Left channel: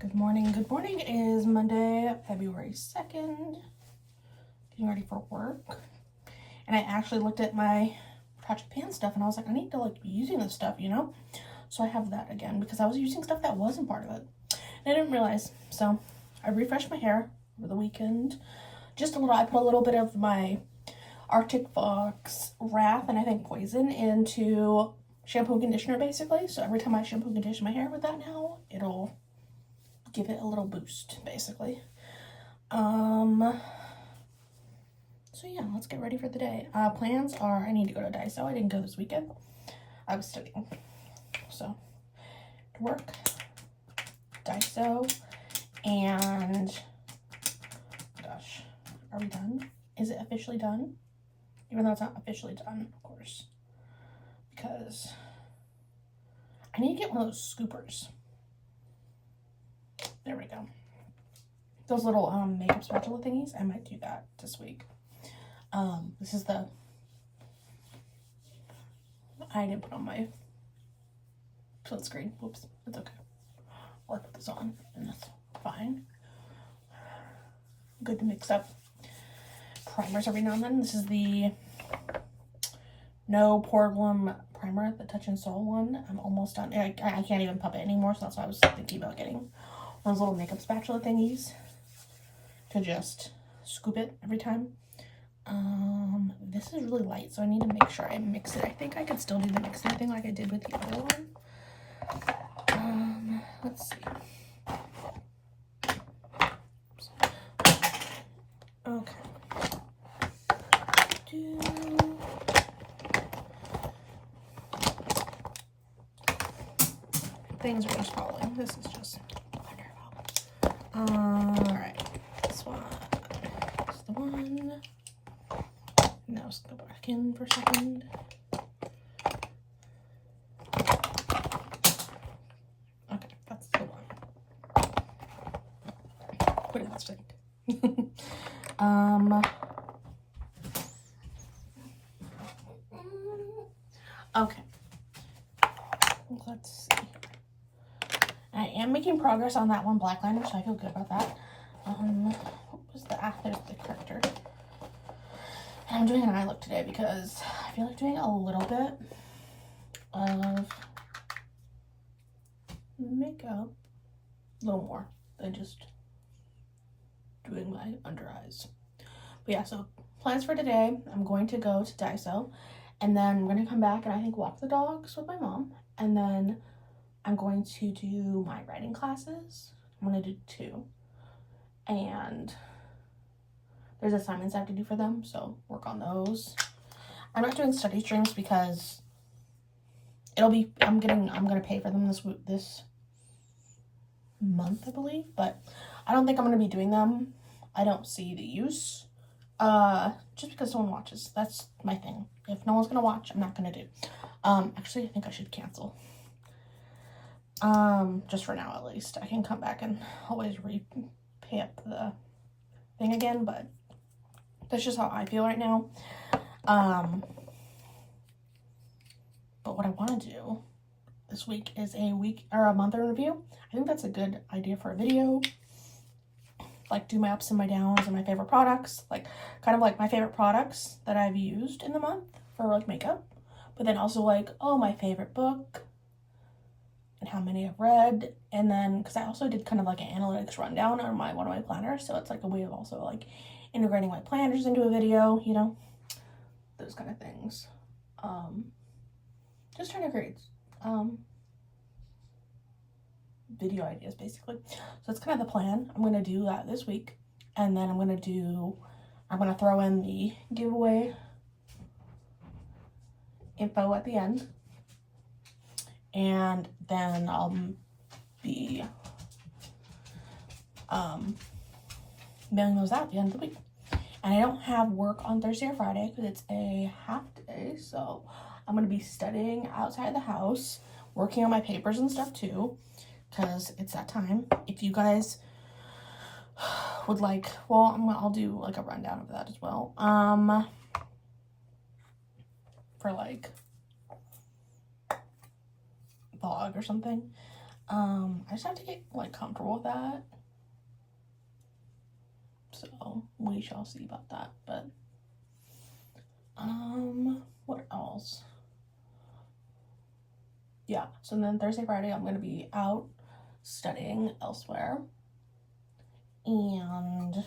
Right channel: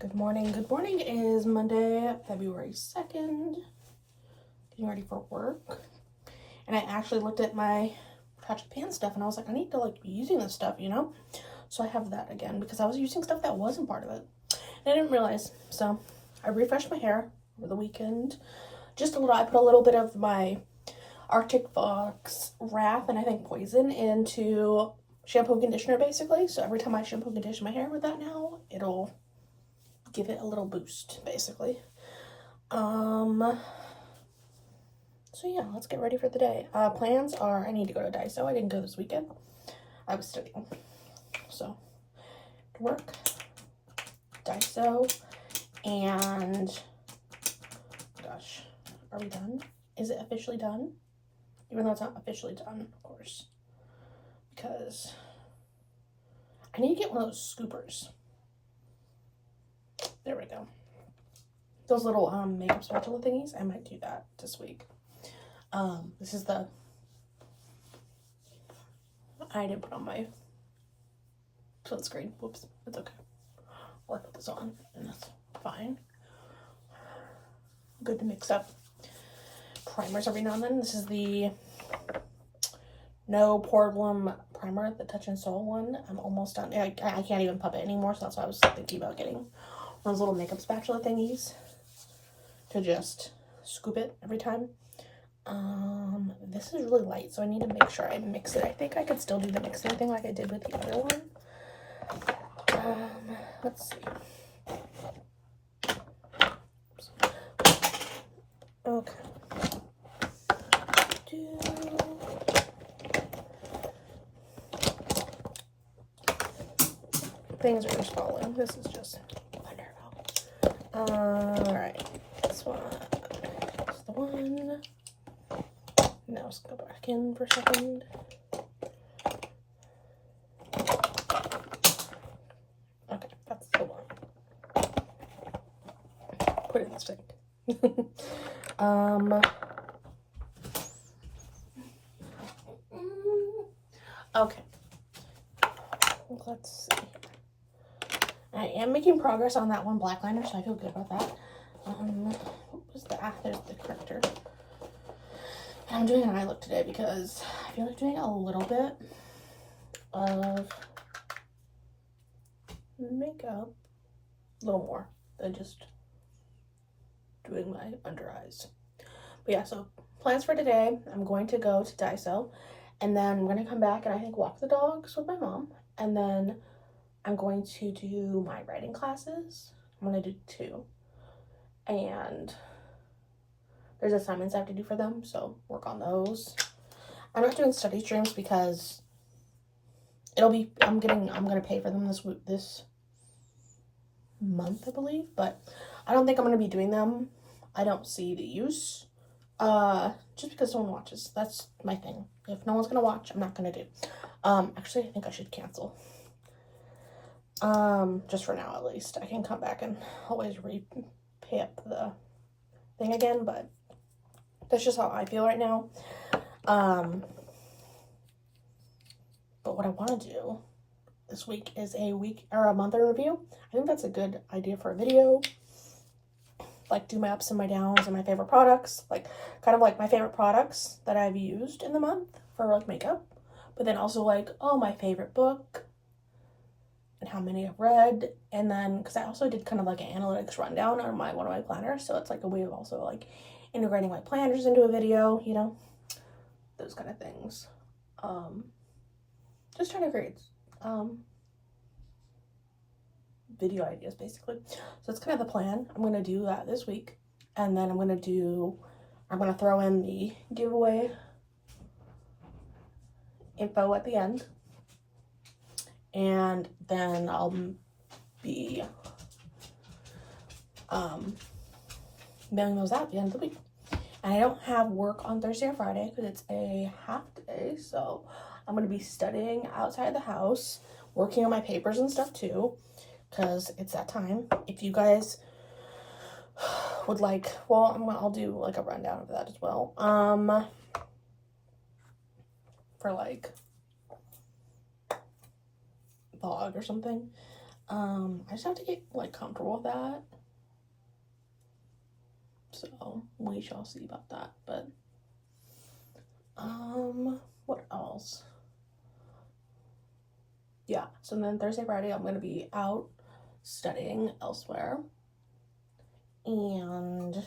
Good morning. Good morning. It is Monday, February 2nd. Getting ready for work. And I actually looked at my Project Pan stuff and I was like, I need to be using this stuff, you know? So I have that again because I was using stuff that wasn't part of it. And I didn't realize. So I refreshed my hair over the weekend. Just a little, I put a little bit of my Arctic Fox Wrath and I think Poison into shampoo and conditioner basically. So every time I shampoo and condition my hair with that now, it'll give it a little boost basically. So yeah, let's get ready for the day. Plans are I need to go to Daiso. I didn't go this weekend. I was studying. So to work, Daiso, and gosh, are we done? Is it officially done? Even though it's not officially done, of course. Because I need to get one of those scoopers. There we go. Those little makeup spatula thingies. I might do that this week. This is the, I didn't put on my sunscreen. Whoops, it's okay. I'll put this on and that's fine. Good to mix up primers every now and then. This is the No Problem primer, the Touch and Soul one. I'm almost done. I can't even pop it anymore, so that's why I was thinking about getting one of those little makeup spatula thingies to just scoop it every time. This is really light, so I need to make sure I mix it. I think I could still do the mixer thing like I did with the other one. Let's see. Okay. Things are just falling. This is just wonderful. Alright. This one is the one. Now let's go back in for a second. Okay, that's the one. Put it in the sink. Okay. Let's see. I am making progress on that one black liner, so I feel good about that. What was that? There's the corrector. And I'm doing an eye look today because I feel like doing a little bit of makeup, a little more than just doing my under eyes. But yeah, so plans for today, I'm going to go to Daiso and then I'm going to come back and I think walk the dogs with my mom, and then I'm going to do my writing classes. I'm going to do 2, and there's assignments I have to do for them, so work on those. I'm not doing study streams because I'm gonna pay for them this month, I believe, but I don't think I'm gonna be doing them. I don't see the use, just because no one watches. That's my thing. If no one's gonna watch, I'm not gonna do. Actually, I think I should cancel. Just for now at least. I can come back and always pay up the thing again, but that's just how I feel right now. But what I want to do this week is a week or a month in review. I think that's a good idea for a video. Like do my ups and my downs and my favorite products, like kind of like my favorite products that I've used in the month for like makeup, but then also like, oh, my favorite book and how many I've read. And then because I also did kind of like an analytics rundown on one of my planners, so it's like a way of also like integrating my planners into a video, you know, those kind of things. Just trying to create video ideas basically. So it's kind of the plan. I'm gonna do that this week, and then I'm gonna throw in the giveaway info at the end, and then I'll be mailing those out at the end of the week. And I don't have work on Thursday or Friday because it's a half day, so I'm going to be studying outside the house, working on my papers and stuff too, because it's that time. If you guys would like, well, I'll do like a rundown of that as well, for like vlog or something. I just have to get like comfortable with that. So we shall see about that. But what else? Yeah, so then Thursday, Friday, I'm gonna be out studying elsewhere. And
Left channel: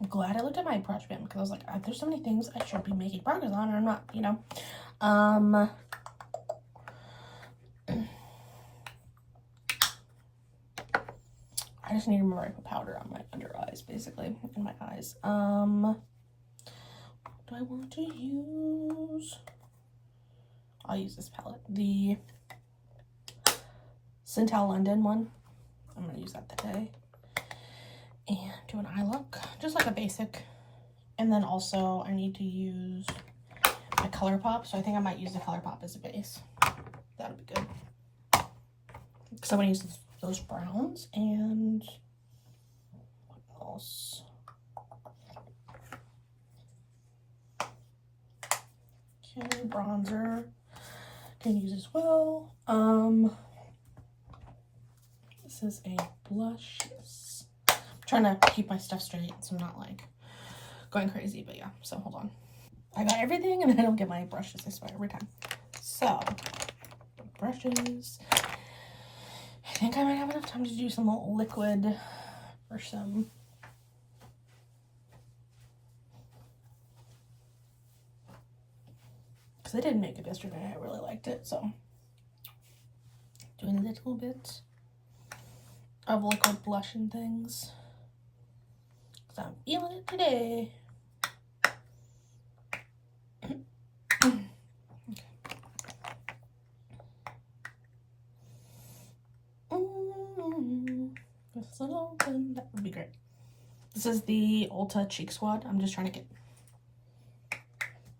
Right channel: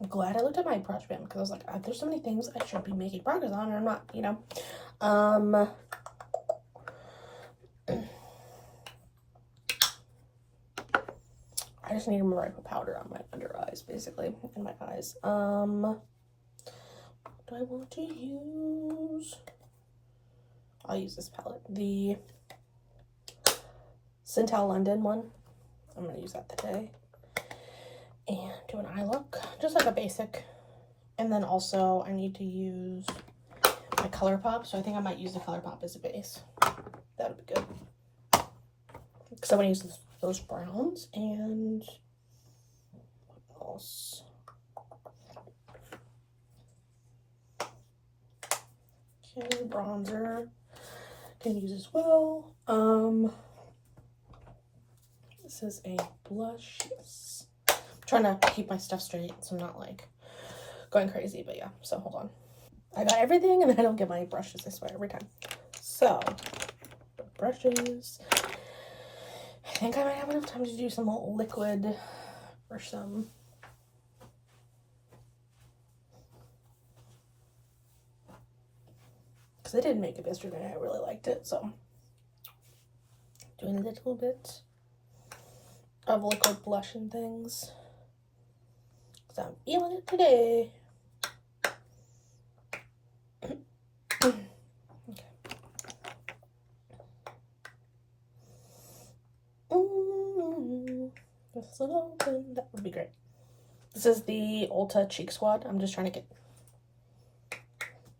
I'm glad I looked at my project plan because I was like, there's so many things I should be making progress on, and I'm not, you know. I just need to remember I put powder on my under eyes, basically, in my eyes. What do I want to use? I'll use this palette, the Cintal London one. I'm gonna use that today. And do an eye look, just like a basic. And then also I need to use my ColourPop, so I think I might use the ColourPop as a base. That'll be good. Because I'm gonna use those browns. And what else? Okay, bronzer can use as well. This is a blush. Yes. I'm trying to keep my stuff straight so I'm not like going crazy, but yeah, so hold on. I got everything and I don't get my brushes, I swear, every time. So, brushes. I think I might have enough time to do some liquid or some. Because I did makeup yesterday, I really liked it, so. Doing a little bit of liquid blush and things. Because I'm feeling it today. Okay. This little open, that would be great. This is the Ulta Cheek Squad. I'm just trying to get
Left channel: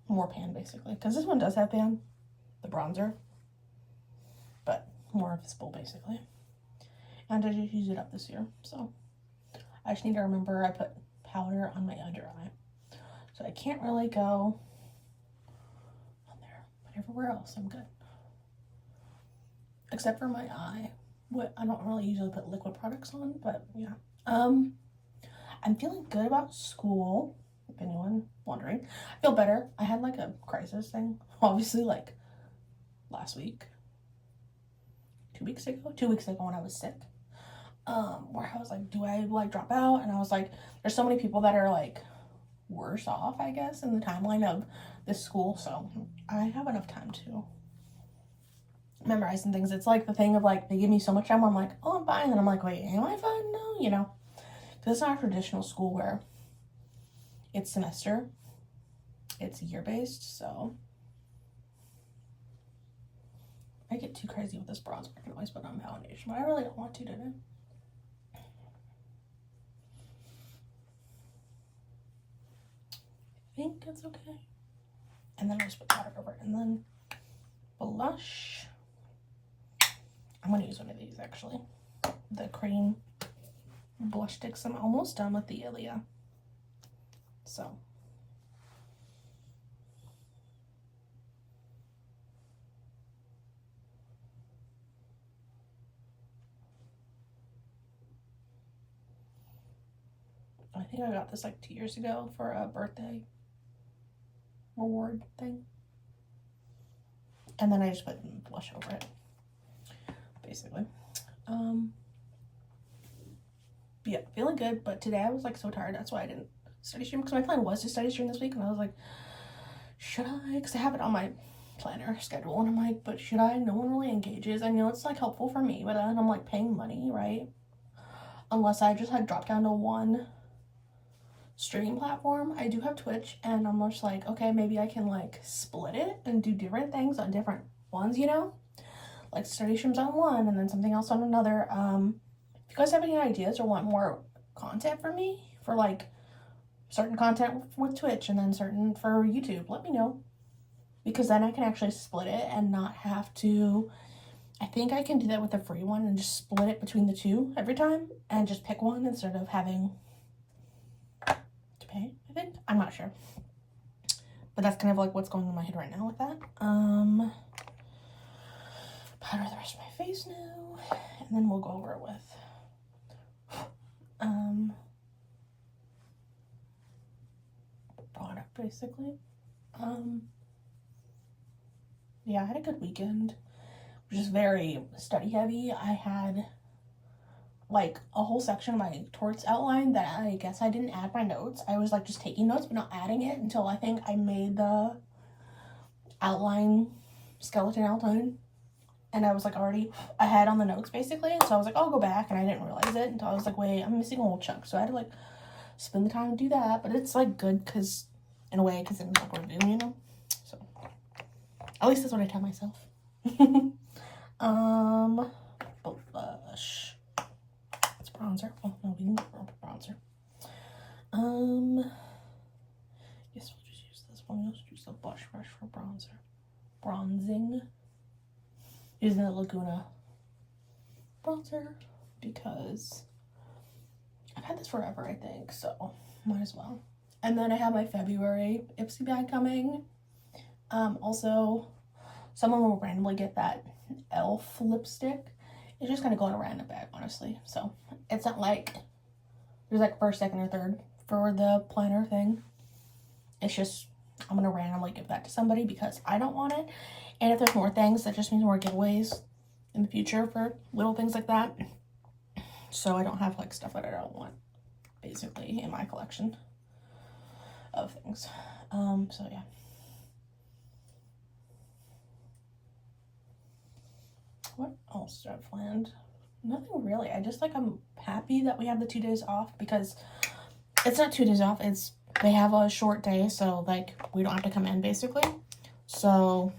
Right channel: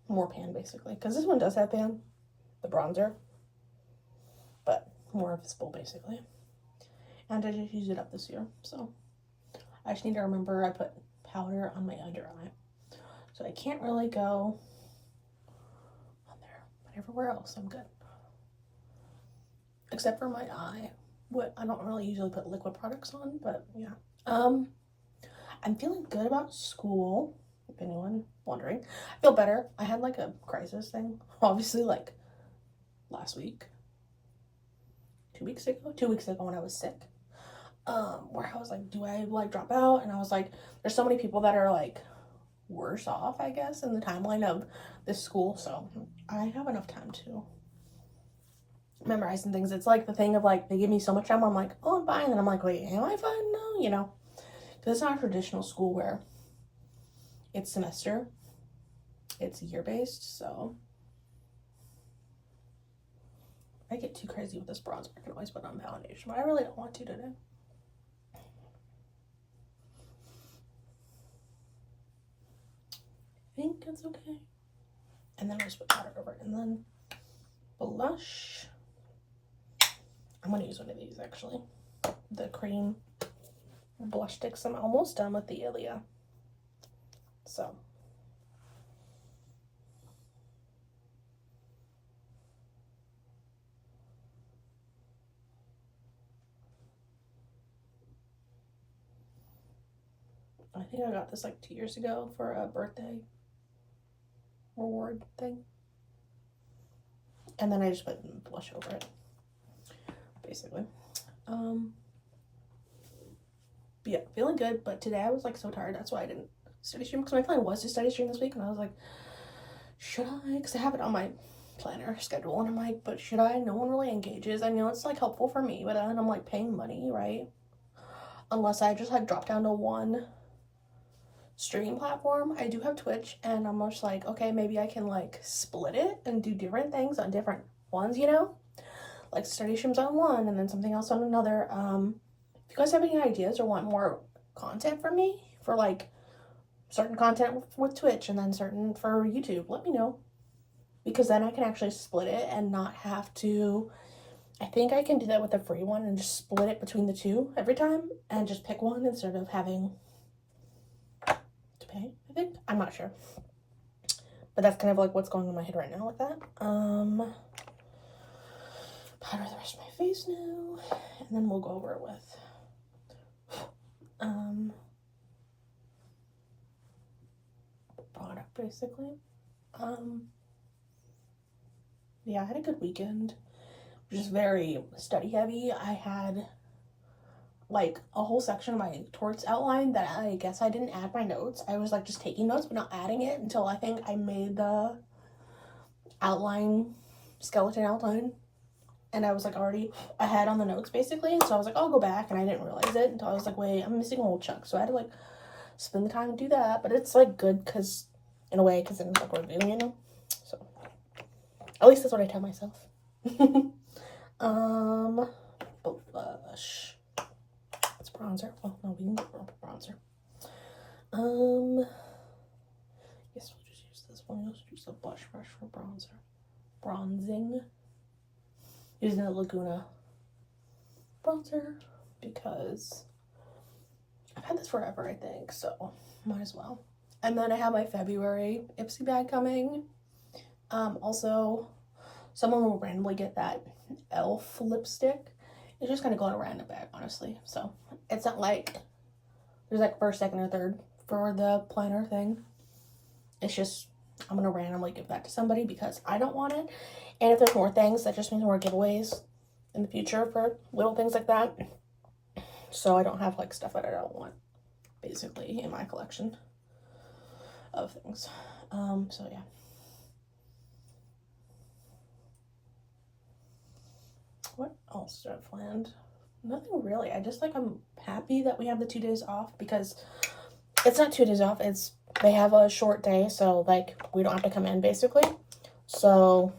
more pan, basically. Because this one does have pan, the bronzer. But more visible, basically. And I just used it up this year, so. I just need to remember I put powder on my under eye. So I can't really go on there. But everywhere else, I'm good. Except for my eye. What I don't really usually put liquid products on, but yeah. I'm feeling good about school, if anyone wondering. I feel better. I had like a crisis thing, obviously, like last week. 2 weeks ago when I was sick. Where I was like, do I like drop out? And I was like, there's so many people that are like worse off, I guess, in the timeline of this school, so I have enough time to memorize and things. It's like the thing of like, they give me so much time where I'm like, oh, I'm fine, and I'm like, wait, am I fine? No, you know, because it's not a traditional school where it's semester, it's year-based, so if I get too crazy with this bronzer, I can always put on foundation, but I really don't want to today. I think it's okay. And then I'll just put powder over it. And then blush. I'm going to use one of these, actually. The cream blush sticks. I'm almost done with the Ilia. So. I think I got this like 2 years ago for a birthday reward thing. And then I just put blush over it, basically. Yeah, feeling good, but today I was like so tired. That's why I didn't study stream, because my plan was to study stream this week, and I was like, should I? Because I have it on my planner schedule, and I'm like, but should I? No one really engages. I know it's like helpful for me, but then I'm like paying money, right? Unless I just had dropped down to one streaming platform. I do have Twitch, and I'm just like, okay, maybe I can like split it and do different things on different ones, you know, like study streams on one and then something else on another. If you guys have any ideas or want more content from me for like certain content with Twitch and then certain for YouTube, let me know, because then I can actually split it and not have to. I think I can do that with a free one and just split it between the two every time and just pick one instead of having to pay, I think. I'm not sure. But that's kind of like what's going on in my head right now with that. powder the rest of my face now, and then we'll go over it with product basically. Yeah, I had a good weekend, which is very study heavy. I had like a whole section of my torts outline that I guess I didn't add my notes. I was like just taking notes but not adding it until I think I made the outline, skeleton outline, and I was like already ahead on the notes basically. So I was like, I'll go back, and I didn't realize it until I was like, wait, I'm missing a whole chunk. So I had to like spend the time to do that, but it's like good because in a way, because it's like review, you know. So at least that's what I tell myself. Blush. It's bronzer. Oh no, we can go for bronzer. Guess we'll just use this one. We'll just use the blush brush for bronzer. Bronzing. Using the Laguna bronzer because I've had this forever, I think, so might as well. And then I have my February Ipsy bag coming. Also, someone will randomly get that e.l.f. lipstick. It's just gonna go in a random bag, honestly. So it's not like there's like first, second, or third for the planner thing. It's just I'm gonna randomly give that to somebody because I don't want it. And if there's more things, that just means more giveaways in the future for little things like that. So I don't have like stuff that I don't want basically in my collection of things. So yeah. What else do I have planned? Nothing really. I just like, I'm happy that we have the 2 days off because it's not 2 days off. It's, they have a short day. So like we don't have to come in basically. So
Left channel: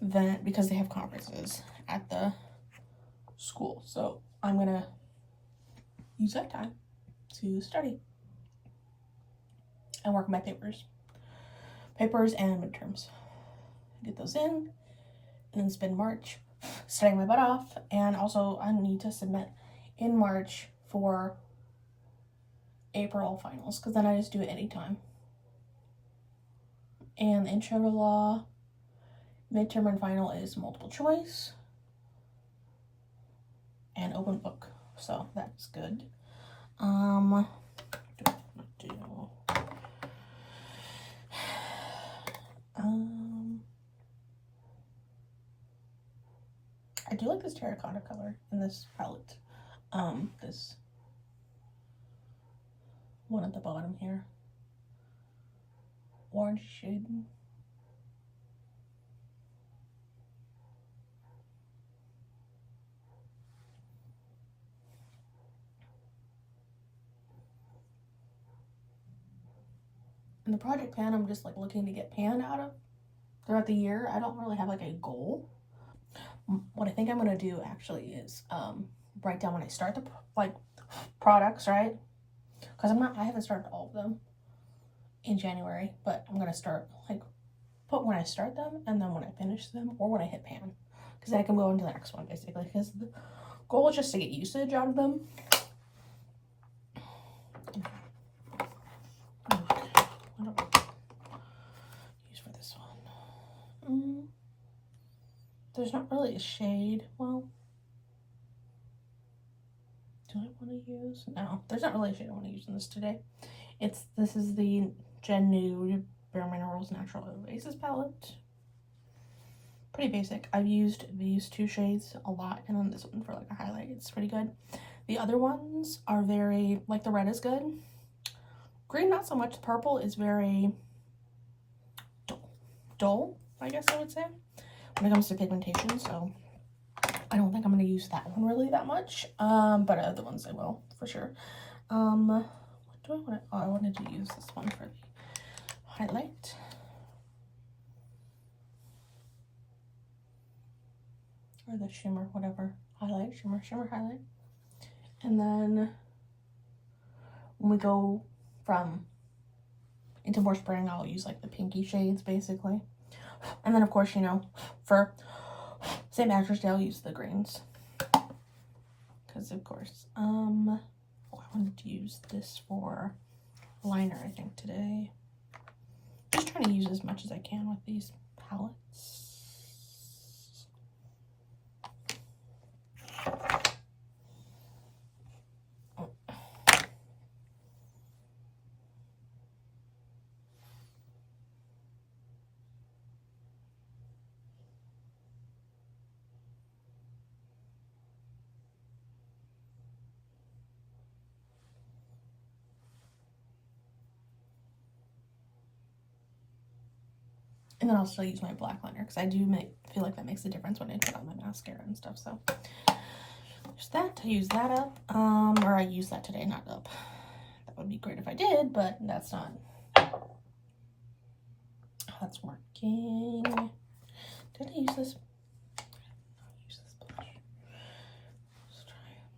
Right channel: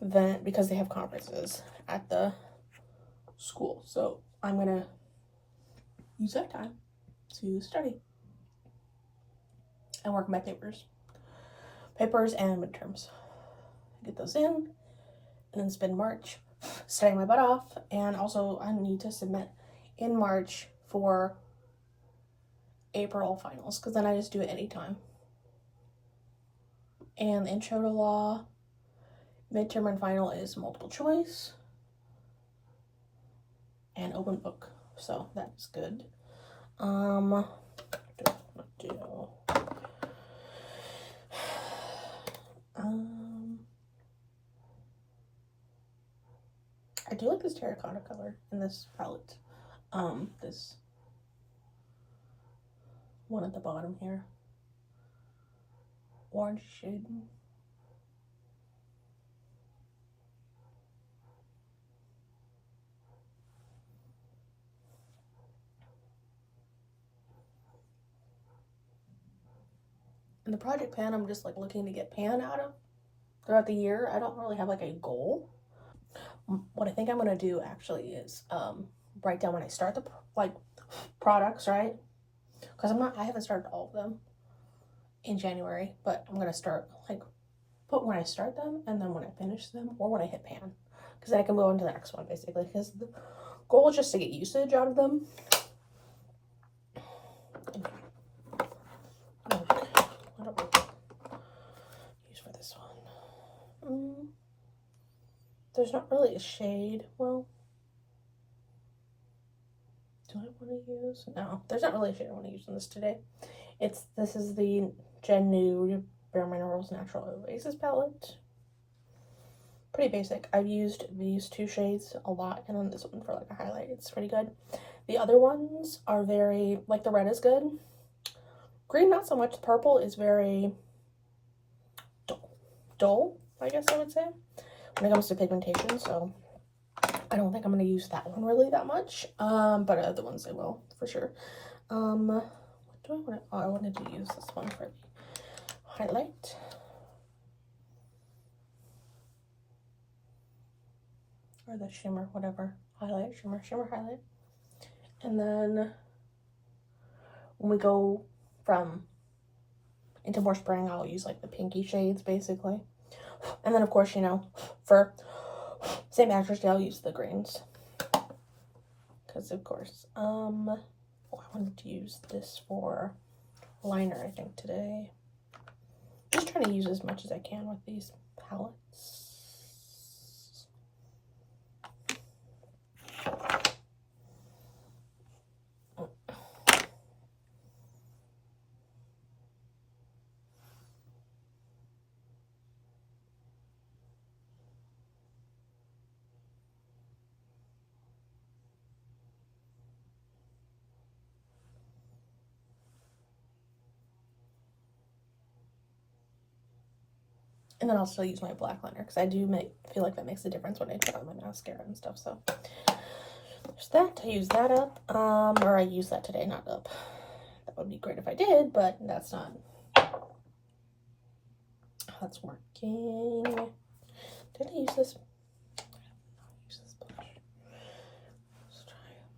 then, because they have conferences at the school. So I'm going to use that time to study and work on my papers and midterms. Get those in and then spend March studying my butt off. And also I need to submit in March for April finals because then I just do it anytime. And intro to law, midterm and final is multiple choice and open book. So that's good. I do like this terracotta color in this palette. This one at the bottom here. Orange shade. And the project pan, I'm just like looking to get pan out of throughout the year. I don't really have like a goal. What I think I'm gonna do actually is write down when I start the like products, right? Because I haven't started all of them in January, but I'm gonna start like put when I start them and then when I finish them or when I hit pan, because then I can move on to the next one basically. Because the goal is just to get usage out of them. What do we use for this one? There's not really a shade. Well, do I want to use? No, there's not really a shade I want to use in this today. This is the Gen Nude Bare Minerals Natural Oasis palette. Pretty basic. I've used these 2 shades a lot, and then this one for like a highlight. It's pretty good. The other ones are very, like the red is good. Green, not so much. The purple is very dull, I guess I would say, when it comes to pigmentation. So I don't think I'm going to use that one really that much. But other ones I will, for sure. What do I want to, I wanted to use this one for the highlight. Or the shimmer, whatever. Highlight, shimmer, highlight. And then when we go into more spring, I'll use like the pinky shades basically. And then of course, you know, for St. Patrick's Day, I'll use the greens. Because of course, I wanted to use this for liner, I think, today. Just trying to use as much as I can with these palettes. And then I'll still use my black liner because I do feel like that makes a difference when I put on my mascara and stuff. So there's that. I use that up. Or I use that today, not up. That would be great if I did, but that's not. That's working. Did I use this? Use this blush. Let's try it.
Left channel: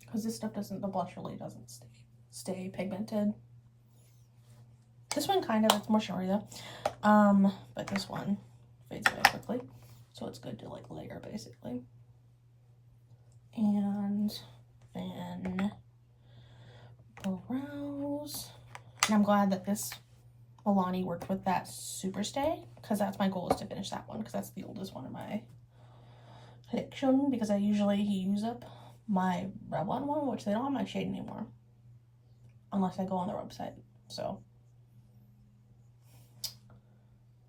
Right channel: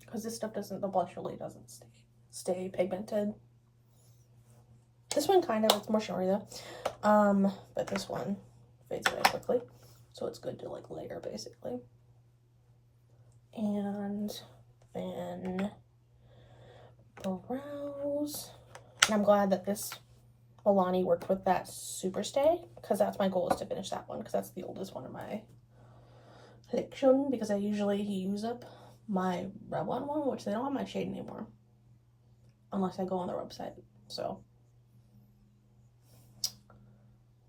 Because this stuff doesn't, the blush really doesn't stay pigmented. This one kind of, it's more shimmery though. But this one fades away quickly. So it's good to like layer basically. And then brows. And I'm glad that this Milani worked with that Super Stay, because that's my goal, is to finish that one, because that's the oldest one in my collection, because I usually use up my Revlon one, which they don't have my shade anymore unless I go on their website. So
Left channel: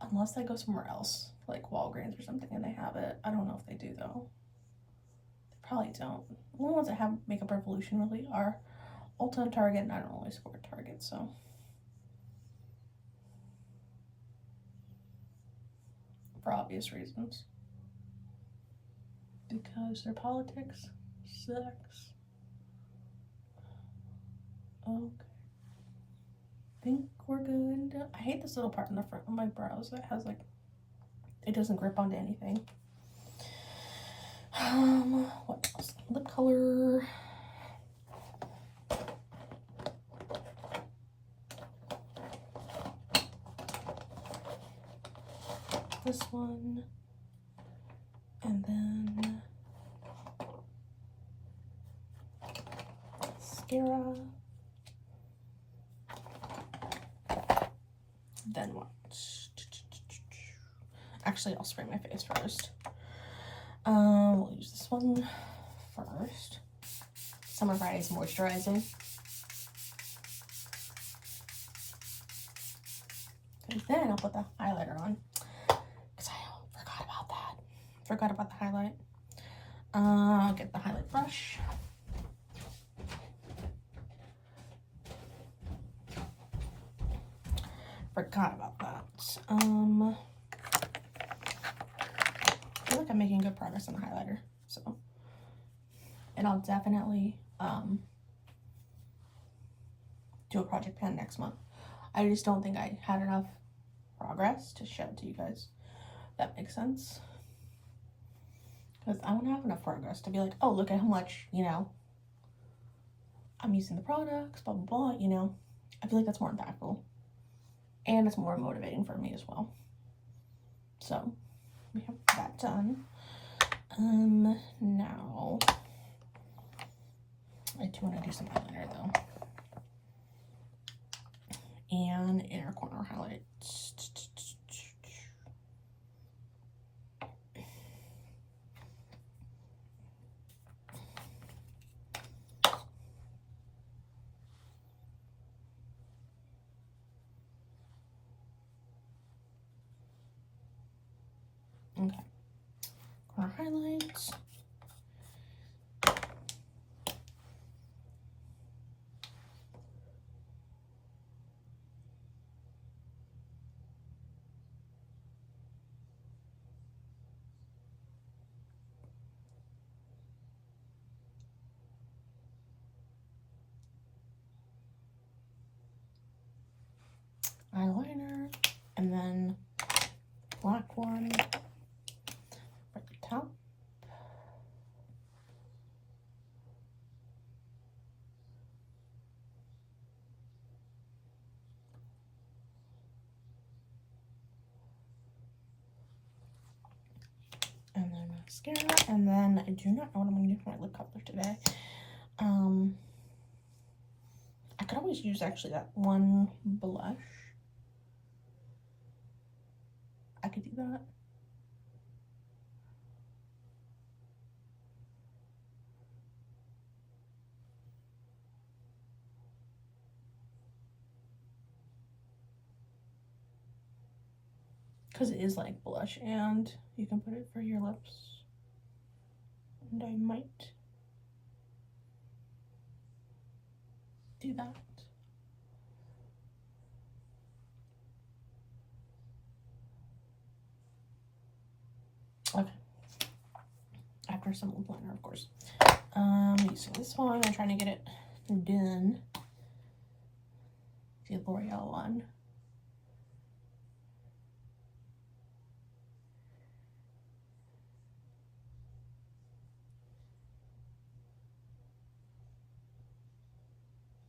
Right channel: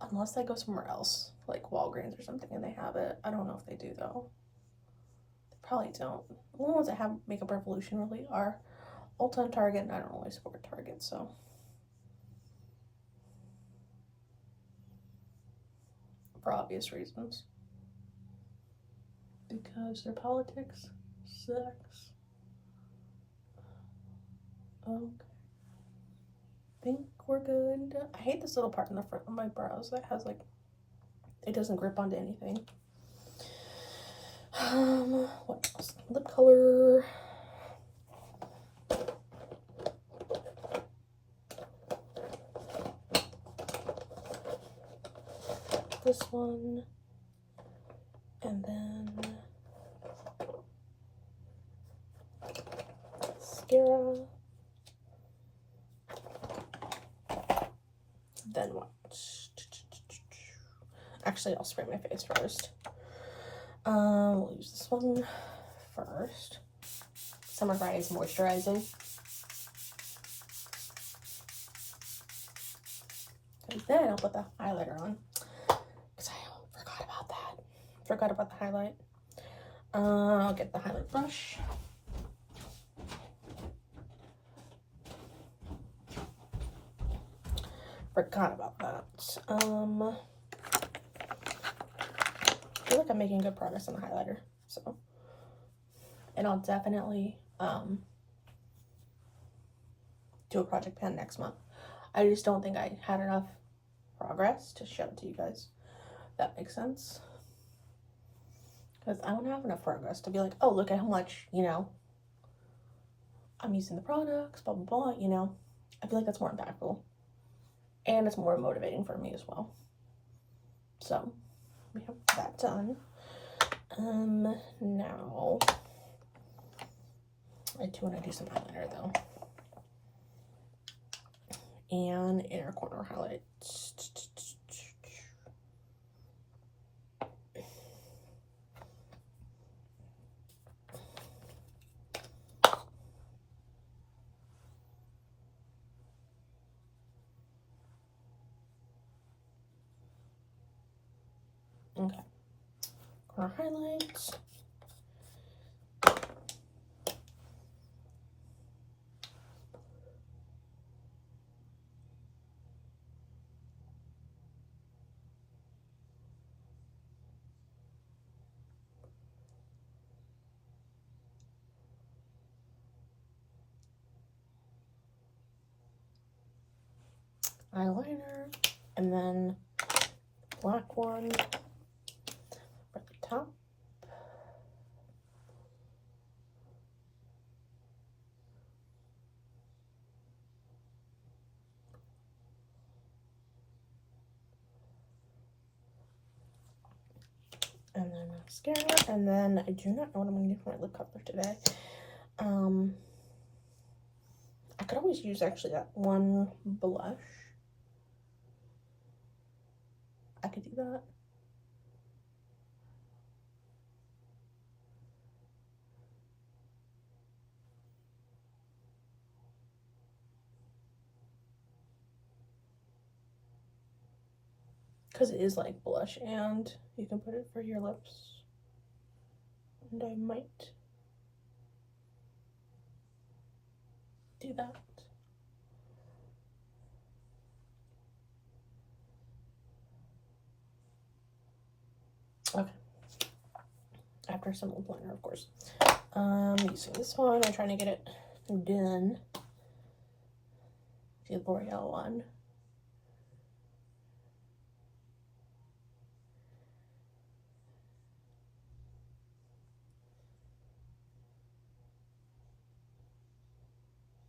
unless I go somewhere else like Walgreens or something and they have it. I don't know if they do though. They probably don't. The only ones that have Makeup Revolution really are Ulta and Target, and I don't always support Target, so for obvious reasons, because their politics sucks. Okay, I think we're good. I hate this little part in the front of my brows that has like, it doesn't grip onto anything. What else? Lip color. This one, and then mascara. Then what? Actually, I'll spray my face first. We'll use this one first. Summer Fridays moisturizing. And then I'll put the highlighter on, because I forgot about that. Forgot about the highlight. I'll get the highlight brush. Forgot about that. I feel like I'm making good progress on the highlighter, so, and I'll definitely do a project pan next month. I just don't think I had enough progress to show it to you guys. That makes sense, because I want to have enough progress to be like, oh, look at how much, you know, I'm using the products, blah blah blah. You know, I feel like that's more impactful, and it's more motivating for me as well. So we have that done. Now I do want to do some eyeliner though, and inner corner highlights. Okay, corner highlights. Eyeliner, and then black one at the top. And then mascara, and then I do not know what I'm going to do for my lip color today. I could always use actually that one blush. I could do that. Because it is like blush, and you can put it for your lips. And I might do that. after some old planner, of course. Using this one. I'm trying to get it done. The L'Oreal one.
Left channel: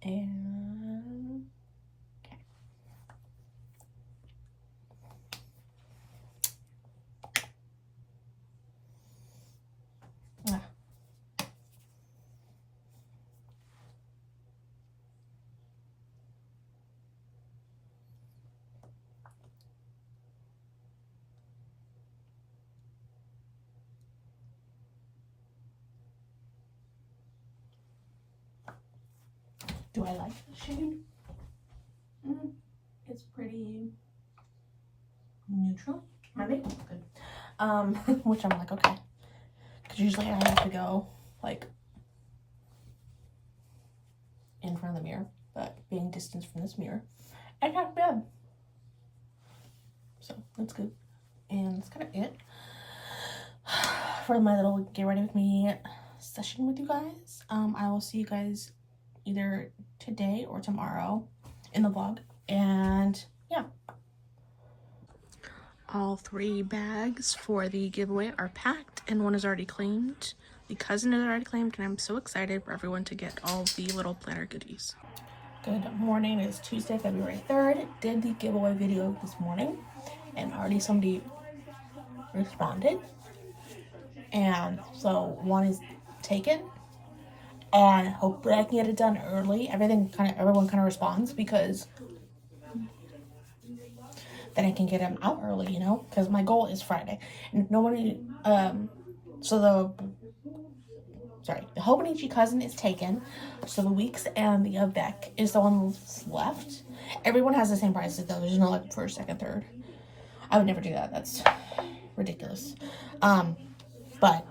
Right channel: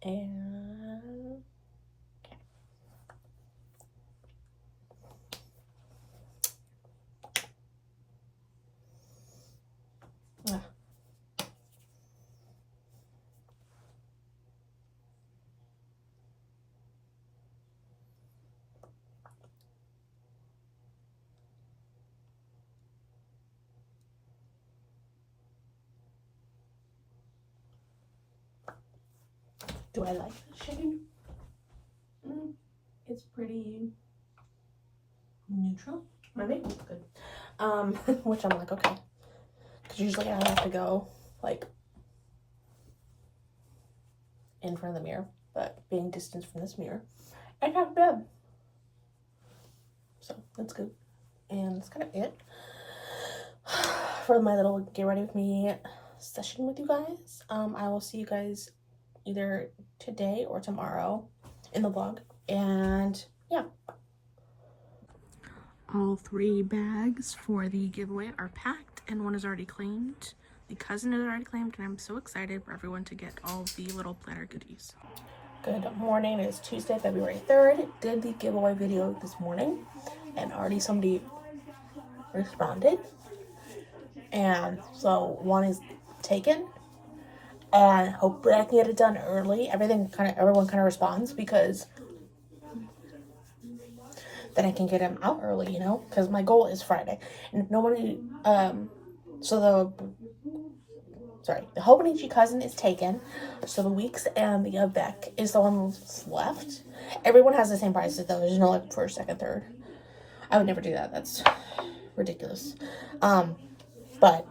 And okay. Do I like the shade? It's pretty neutral. My makeup looks good. Which I'm like, okay. Because usually I have to go, like, in front of the mirror. But being distanced from this mirror, I got bed. So, that's good. And that's kind of it for my little get ready with me session with you guys. I will see you guys either today or tomorrow in the vlog. And yeah. All 3 bags for the giveaway are packed and one is already claimed. The cousin is already claimed, and I'm so excited for everyone to get all the little planner goodies. Good morning. It is Tuesday, February 3rd. Did the giveaway video this morning, and already somebody responded. And so one is taken, and hopefully I can get it done early. Everyone kind of responds, because then I can get them out early, you know, because my goal is Friday. And nobody, the Hobonichi cousin is taken, so the Weeks and the Beck is the one that's left. Everyone has the same prices though. There's no like first, second, third. I would never do that. That's ridiculous. But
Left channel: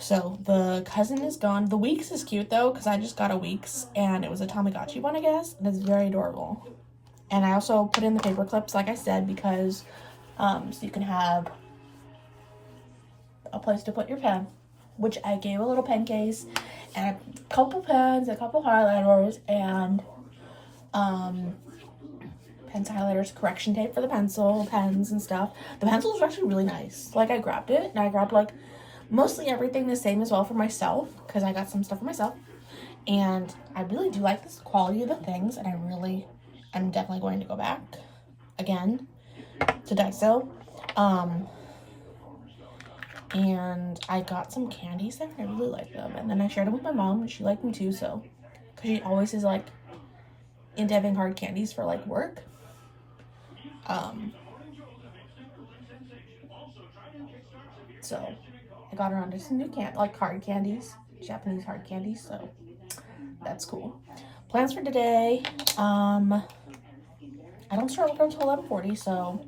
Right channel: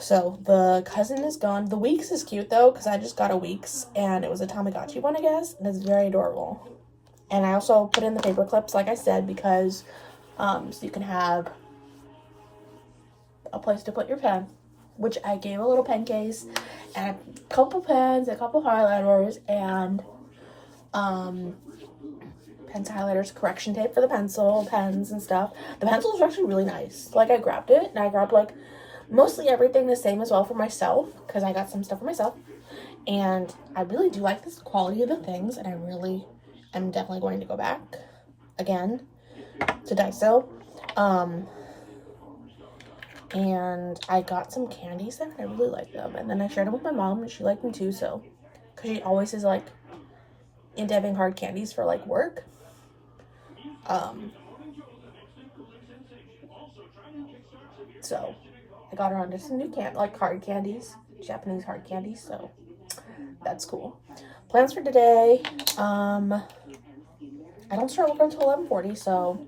so the cousin is gone. The Weeks is cute though, because I just got a Weeks and it was a Tamagotchi one, I guess, and it's very adorable. And I also put in the paper clips, like I said, because so you can have a place to put your pen, which I gave a little pen case and a couple pens, a couple highlighters, and pens, highlighters, correction tape for the pencil, pens and stuff. The pencils are actually really nice. Like, I grabbed it, and I grabbed like mostly everything the same as well for myself, because I got some stuff for myself. And I really do like this quality of the things, and I'm definitely going to go back again to Daiso. And I got some candies there. I really like them. And then I shared them with my mom, and she liked them too. So, because she always is like into having hard candies for like work. So I got her onto some new hard candies, Japanese hard candies. So that's cool. Plans for today. I don't start work until 11:40, so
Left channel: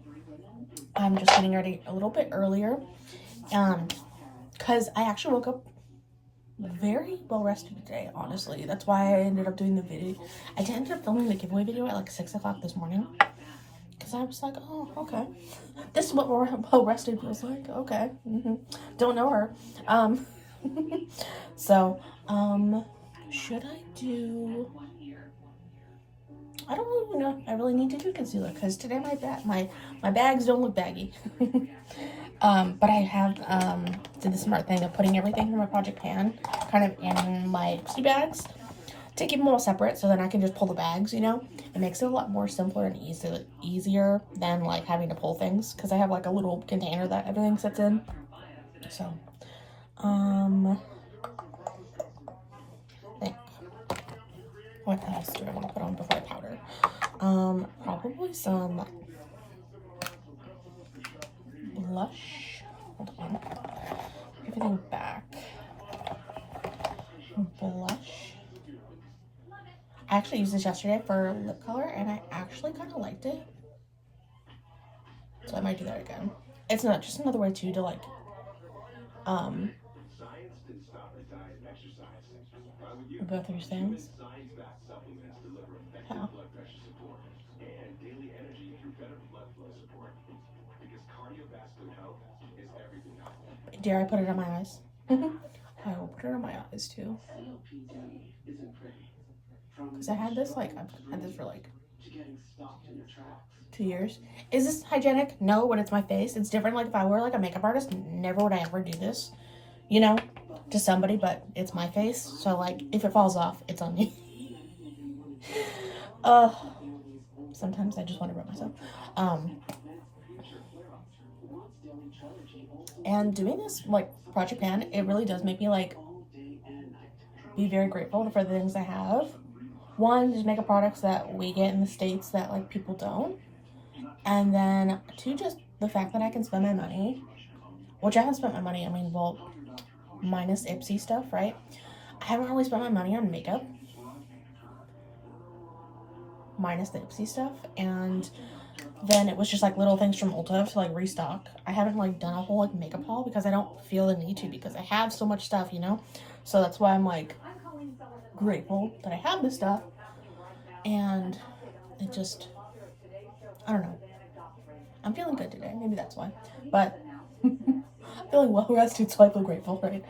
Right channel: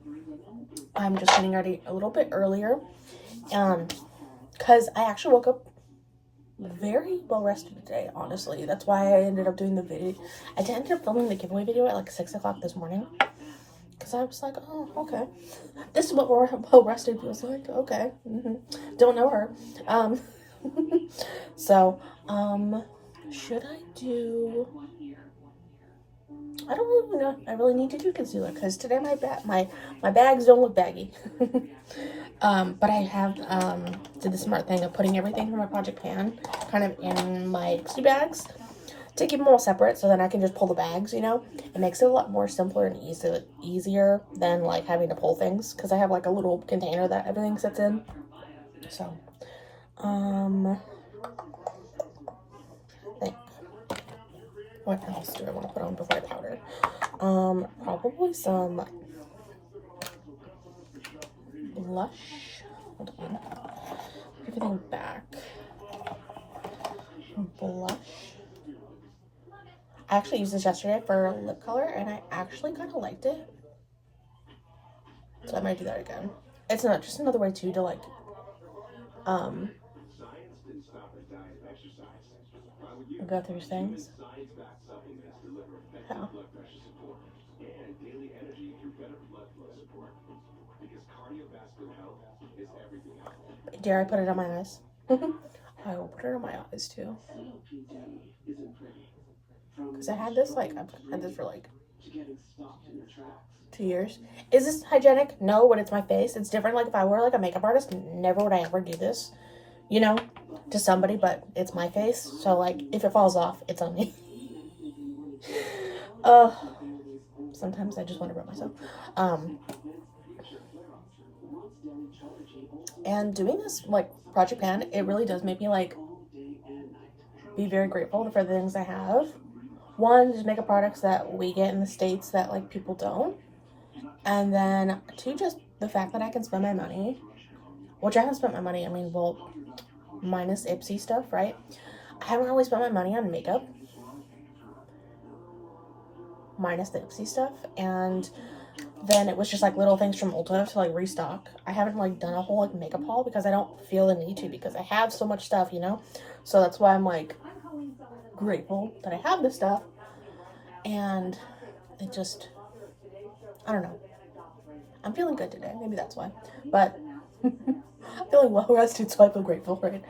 I'm just getting ready a little bit earlier. Because I actually woke up very well rested today, honestly. That's why I ended up doing the video. I ended up filming the giveaway video at like 6 o'clock this morning, because I was like, oh, okay, this is what well rested feels like. Okay. Don't know her. So should I do, I don't really know. I really need to do concealer, because today my bags don't look baggy. But I have did the smart thing of putting everything from my project pan kind of in my tea bags to keep them all separate, so then I can just pull the bags, you know. It makes it a lot more simpler and easier than like having to pull things, because I have like a little container that everything sits in. So I think, what else do I want to put on before I powder? Probably some blush. Hold on. Everything back. Blush. I actually used this yesterday for lip color, and I actually kind of liked it. So I might do that again. It's not just another way too to like go through things. Yeah. Dare I put it on my eyes? I will put it on my eyes too. Because I had this, like, I've had this for like 2 years. Is this hygienic? No, but it's my face. It's different. Like, if I were like a makeup artist, never would I ever do this, you know, to somebody, but it's my face. So, like, if it falls off, it's on me. Sometimes I just want to rub myself. And doing this, like, Project Pan, it really does make me, like, be very grateful for the things I have. One, just makeup products that we get in the States that, like, people don't. And then, two, just the fact that I can spend my money, which I haven't spent my money, I mean, well, minus Ipsy stuff, right? I haven't really spent my money on makeup, minus the Ipsy stuff, and then it was just, like, little things from Ulta to, like, restock. I haven't, like, done a whole, like, makeup haul because I don't feel the need to, because I have so much stuff, you know? So that's why I'm, like, grateful that I have this stuff, and it just, I don't know. I'm feeling good today. Maybe that's why. But I'm feeling well rested, so I feel grateful, right?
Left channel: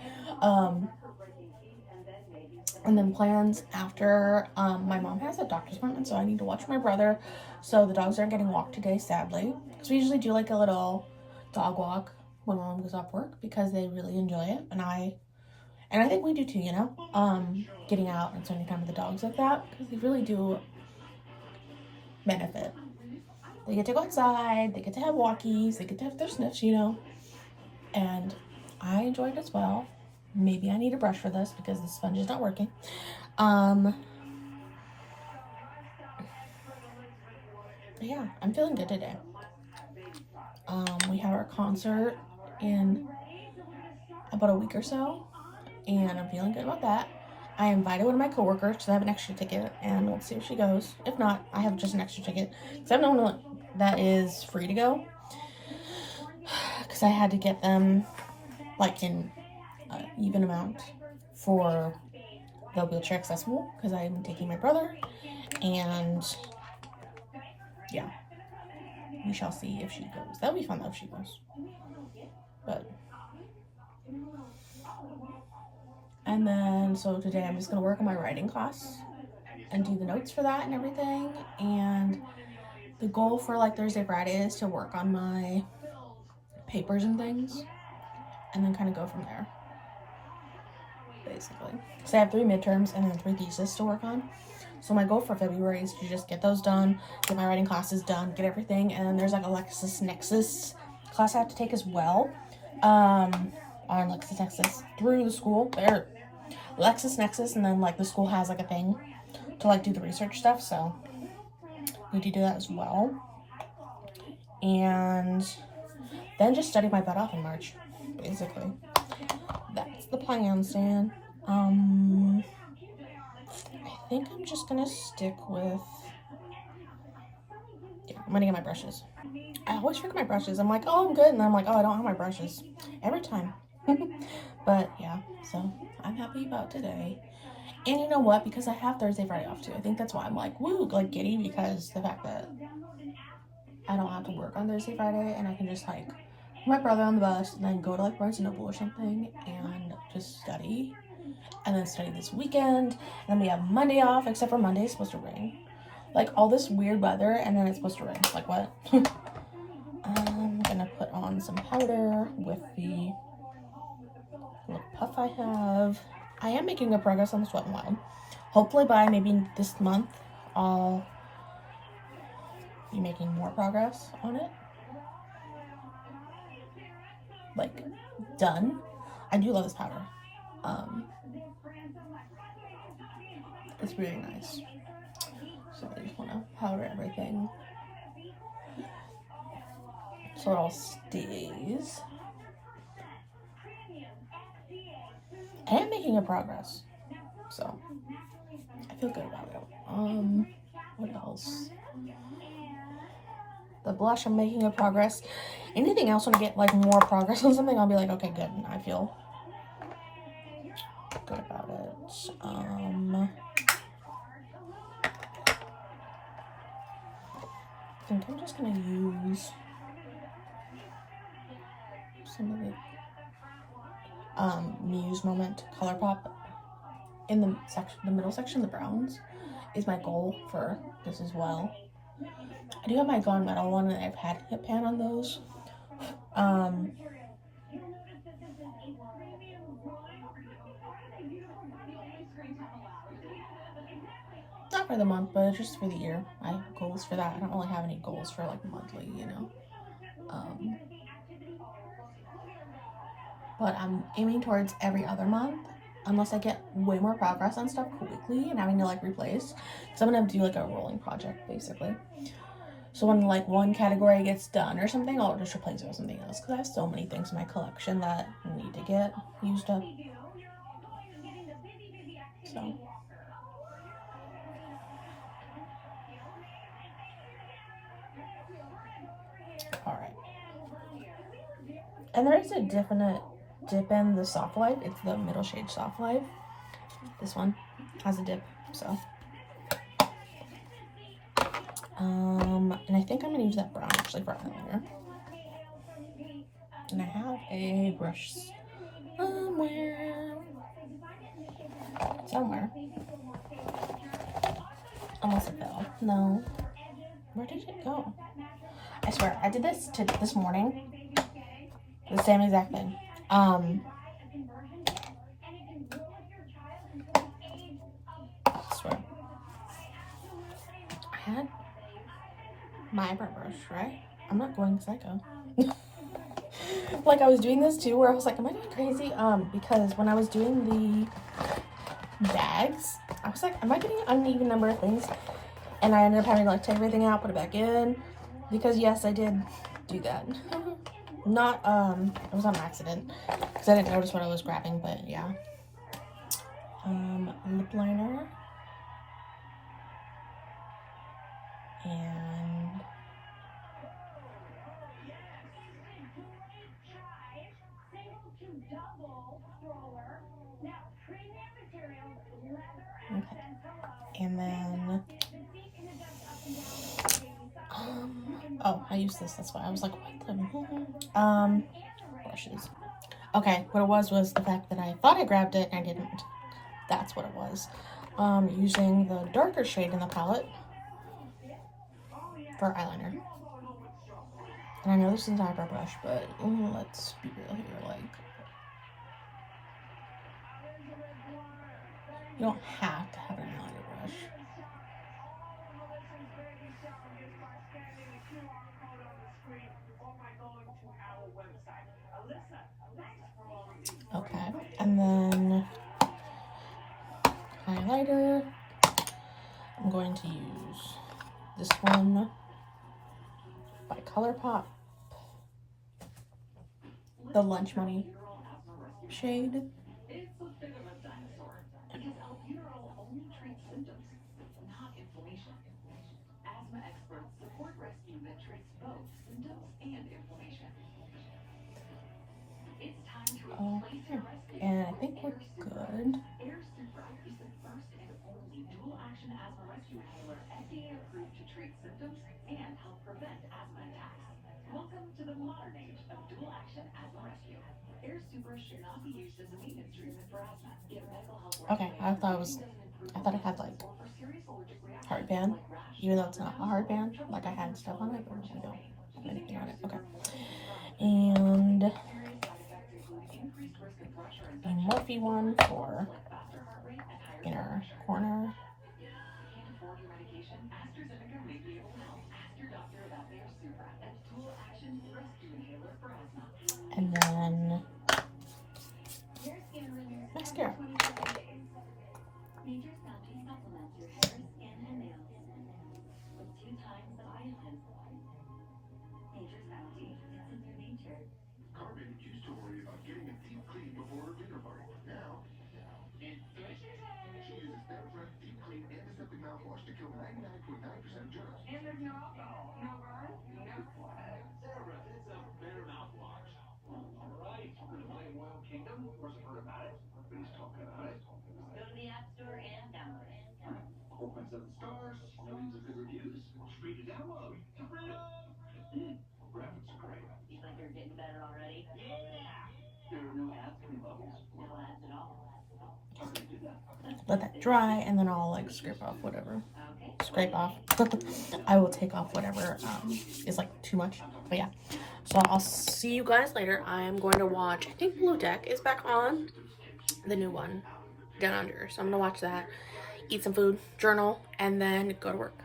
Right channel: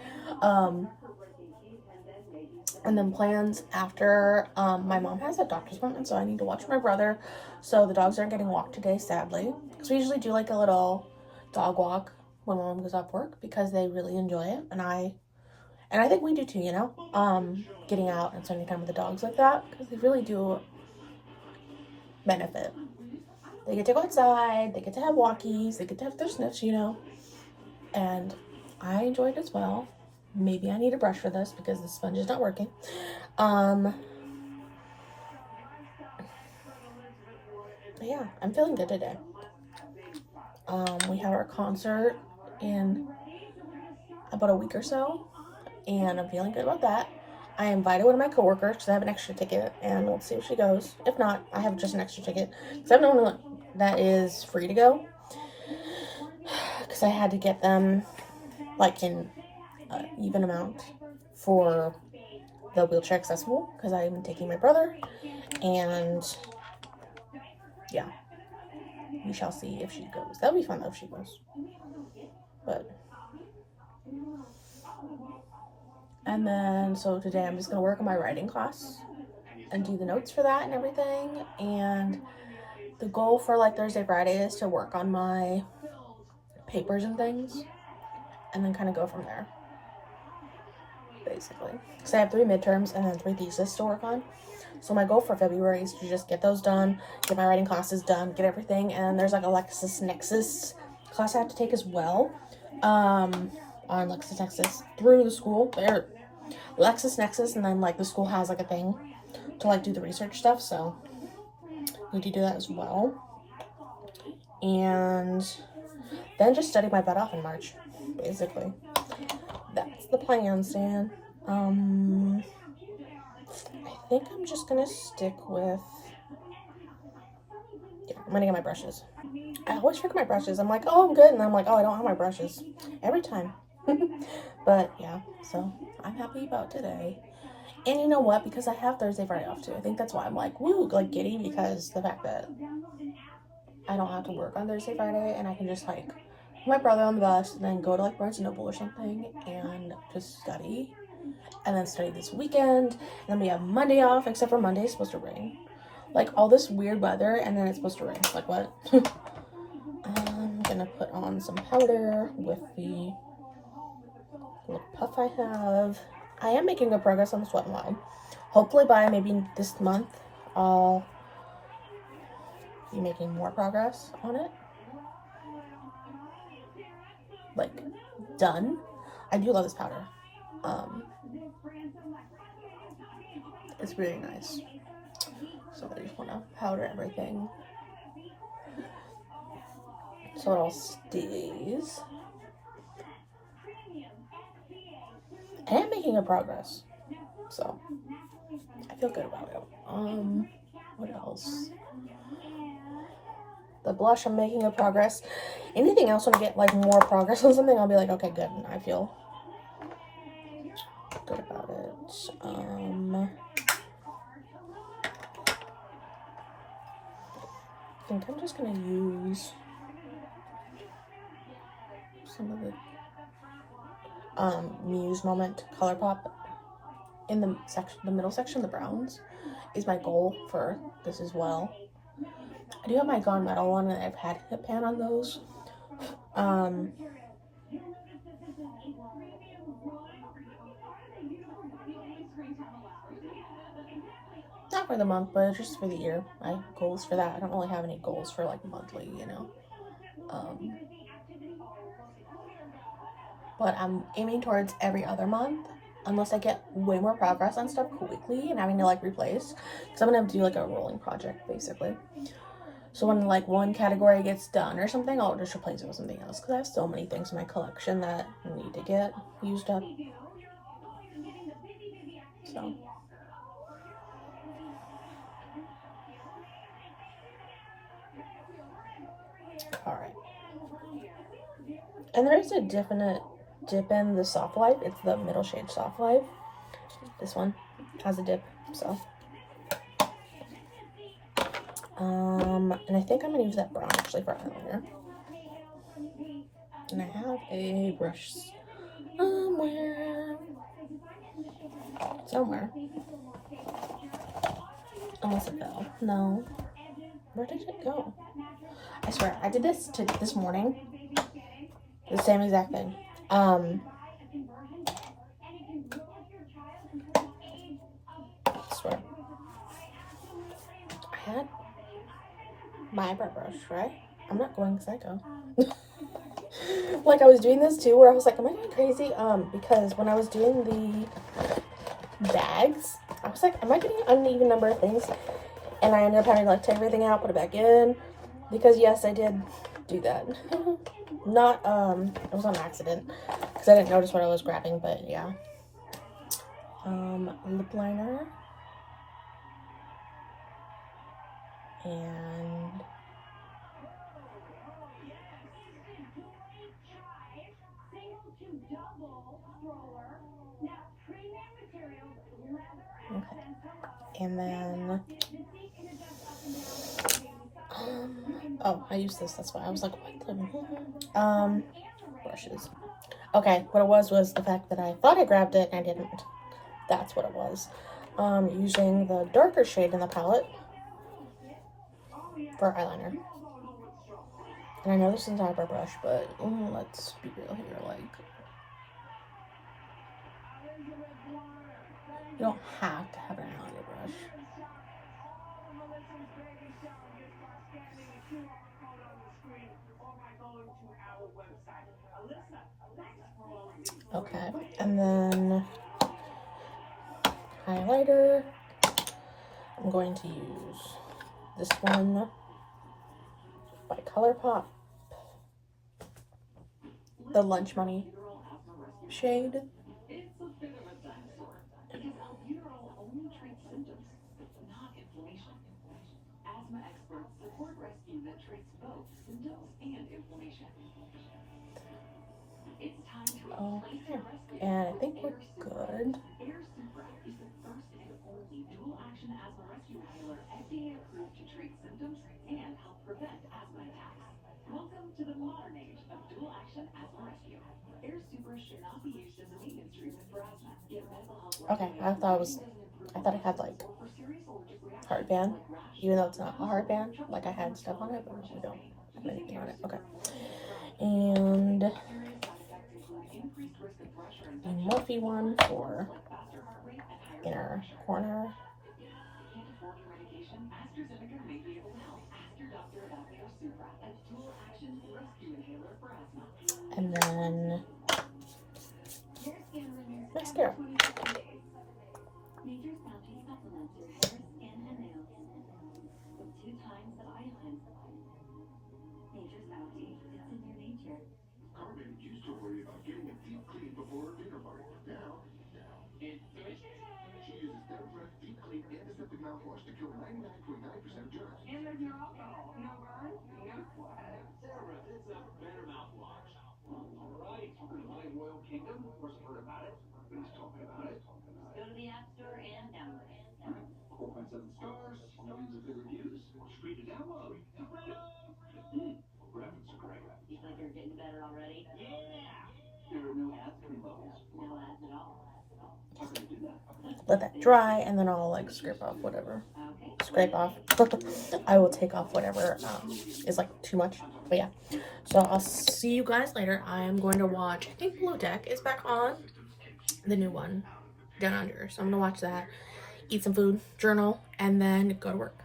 And then plans after, my mom has a doctor's appointment, so I need to watch my brother. So the dogs aren't getting walked today, sadly. Because we usually do like a little dog walk when my mom goes off work because they really enjoy it. And I think we do too, you know? Getting out and spending time with the dogs like that, because they really do benefit. They get to go outside, they get to have walkies, they get to have their sniffs, you know? And I enjoy it as well. Maybe I need a brush for this because the sponge is not working. Yeah, I'm feeling good today. We have our concert in about a week or so, and I'm feeling good about that. I invited one of my coworkers because I have an extra ticket, and we'll see if she goes. If not, I have just an extra ticket because I have no one that is free to go, because I had to get them like in an even amount for the wheelchair accessible, because I'm taking my brother, and yeah, we shall see if she goes. That'll be fun though if she goes. But and then so today I'm just gonna work on my writing class and do the notes for that and everything. And the goal for like Thursday, Friday is to work on my papers and things, and then kind of go from there, basically. So I have 3 midterms and then 3 theses to work on. So my goal for February is to just get those done, get my writing classes done, get everything. And then there's like a LexisNexis class I have to take as well, on LexisNexis through the school. They're LexisNexis, and then like the school has like a thing to like do the research stuff. So I need to do that as well. And then just study my butt off in March, basically. That's the plan, Stan. I think I'm just gonna stick with, yeah, I'm gonna get my brushes. I always forget my brushes. I'm like, oh, I'm good, and I'm like, oh, I don't have my brushes every time. But yeah, so I'm happy about today. And you know what? Because I have Thursday, Friday off too. I think that's why I'm like, woo, like giddy, because the fact that I don't have to work on Thursday, Friday, and I can just like put my brother on the bus and then go to like Barnes & Noble or something and just study. And then study this weekend. And then we have Monday off, except for Monday it's supposed to rain. Like all this weird weather, and then it's supposed to rain. Like what? I'm gonna put on some powder with the lip puff I have. I am making good progress on the Sweat and Wild. Hopefully by maybe this month, I'll be making more progress on it. Like, done. I do love this powder. It's really nice. So I just want to powder everything so it all stays. I am making a progress, so I feel good about it. What else? The blush, I'm making a progress. Anything else, when I get like more progress on something, I'll be like, okay, good, and I feel good about it. I think I'm just gonna use some of the Muse Moment ColourPop in the section, the middle section, the browns, is my goal for this as well. I do have my Gone Metal one, and I've had hip pan on those. Not for the month, but just for the year. I have goals for that. I don't really have any goals for like monthly, you know. But I'm aiming towards every other month, unless I get way more progress on stuff quickly and having to like replace, because I'm gonna do like a rolling project basically. So when like one category gets done or something, I'll just replace it with something else, because I have so many things in my collection that need to get used up. So all right. And there is a definite dip in the Soft Life. It's the middle shade Soft Life. This one has a dip, so. And I think I'm gonna use that brown actually for eyeliner. And I have a brush somewhere. Unless it fell. No. Where did it go? I swear, I did this this morning. The same exact thing. I swear. I had my eyebrow brush, right? I'm not going psycho. Like, I was doing this too, where I was like, am I going crazy? Because when I was doing the bags, I was like, am I getting an uneven number of things? And I ended up having to like take everything out, put it back in, because yes, I did do that. Not, it was on accident, because I didn't notice what I was grabbing, but yeah. Lip liner. And okay. And then oh, I used this, that's why I was like, what the brushes. Okay, what it was the fact that I thought I grabbed it and I didn't. That's what it was. Using the darker shade in the palette for eyeliner. And I know this is an eyebrow brush, but let's be real here, like, you don't have to have an eyeliner brush. Okay, and then highlighter. I'm going to use this one by ColourPop, the Lunch Money shade. Okay, and I think we're good. Okay, I thought it had like heartband, even though it's not a heartband. Like, I had stuff on it, but we don't have anything on it. Okay, and the Morphe one for inner corner. And then mascara. let that dry, and then I'll like scrape off. I will take off whatever is like too much. But yeah, so I'll see you guys later. I am going to watch, I think Blue Deck is back on, the new one, Down Under. So I'm gonna watch that, eat some food, journal, and then go to work.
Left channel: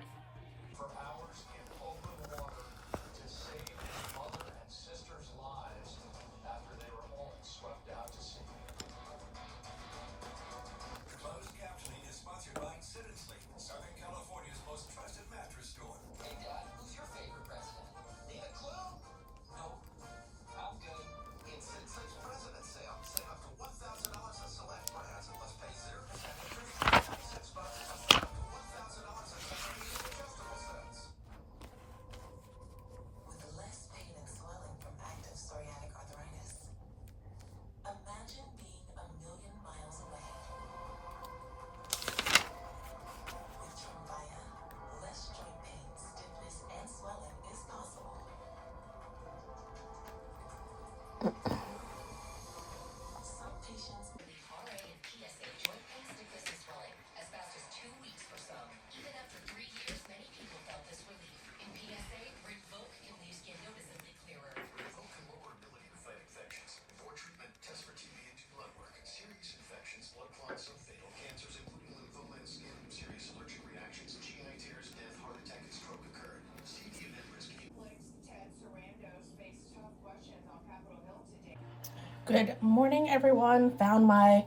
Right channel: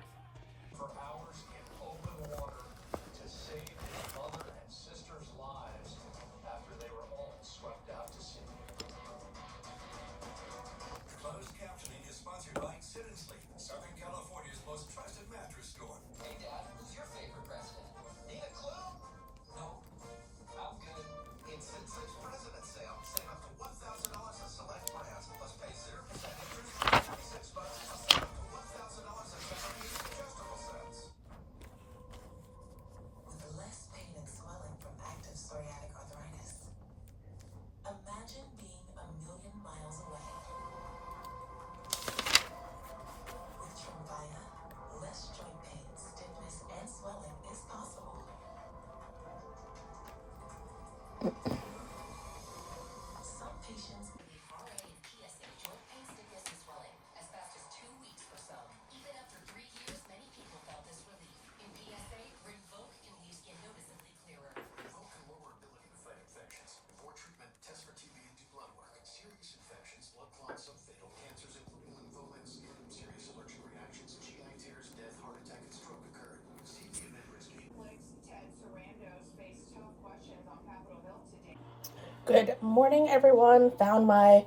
Good morning, everyone. Found my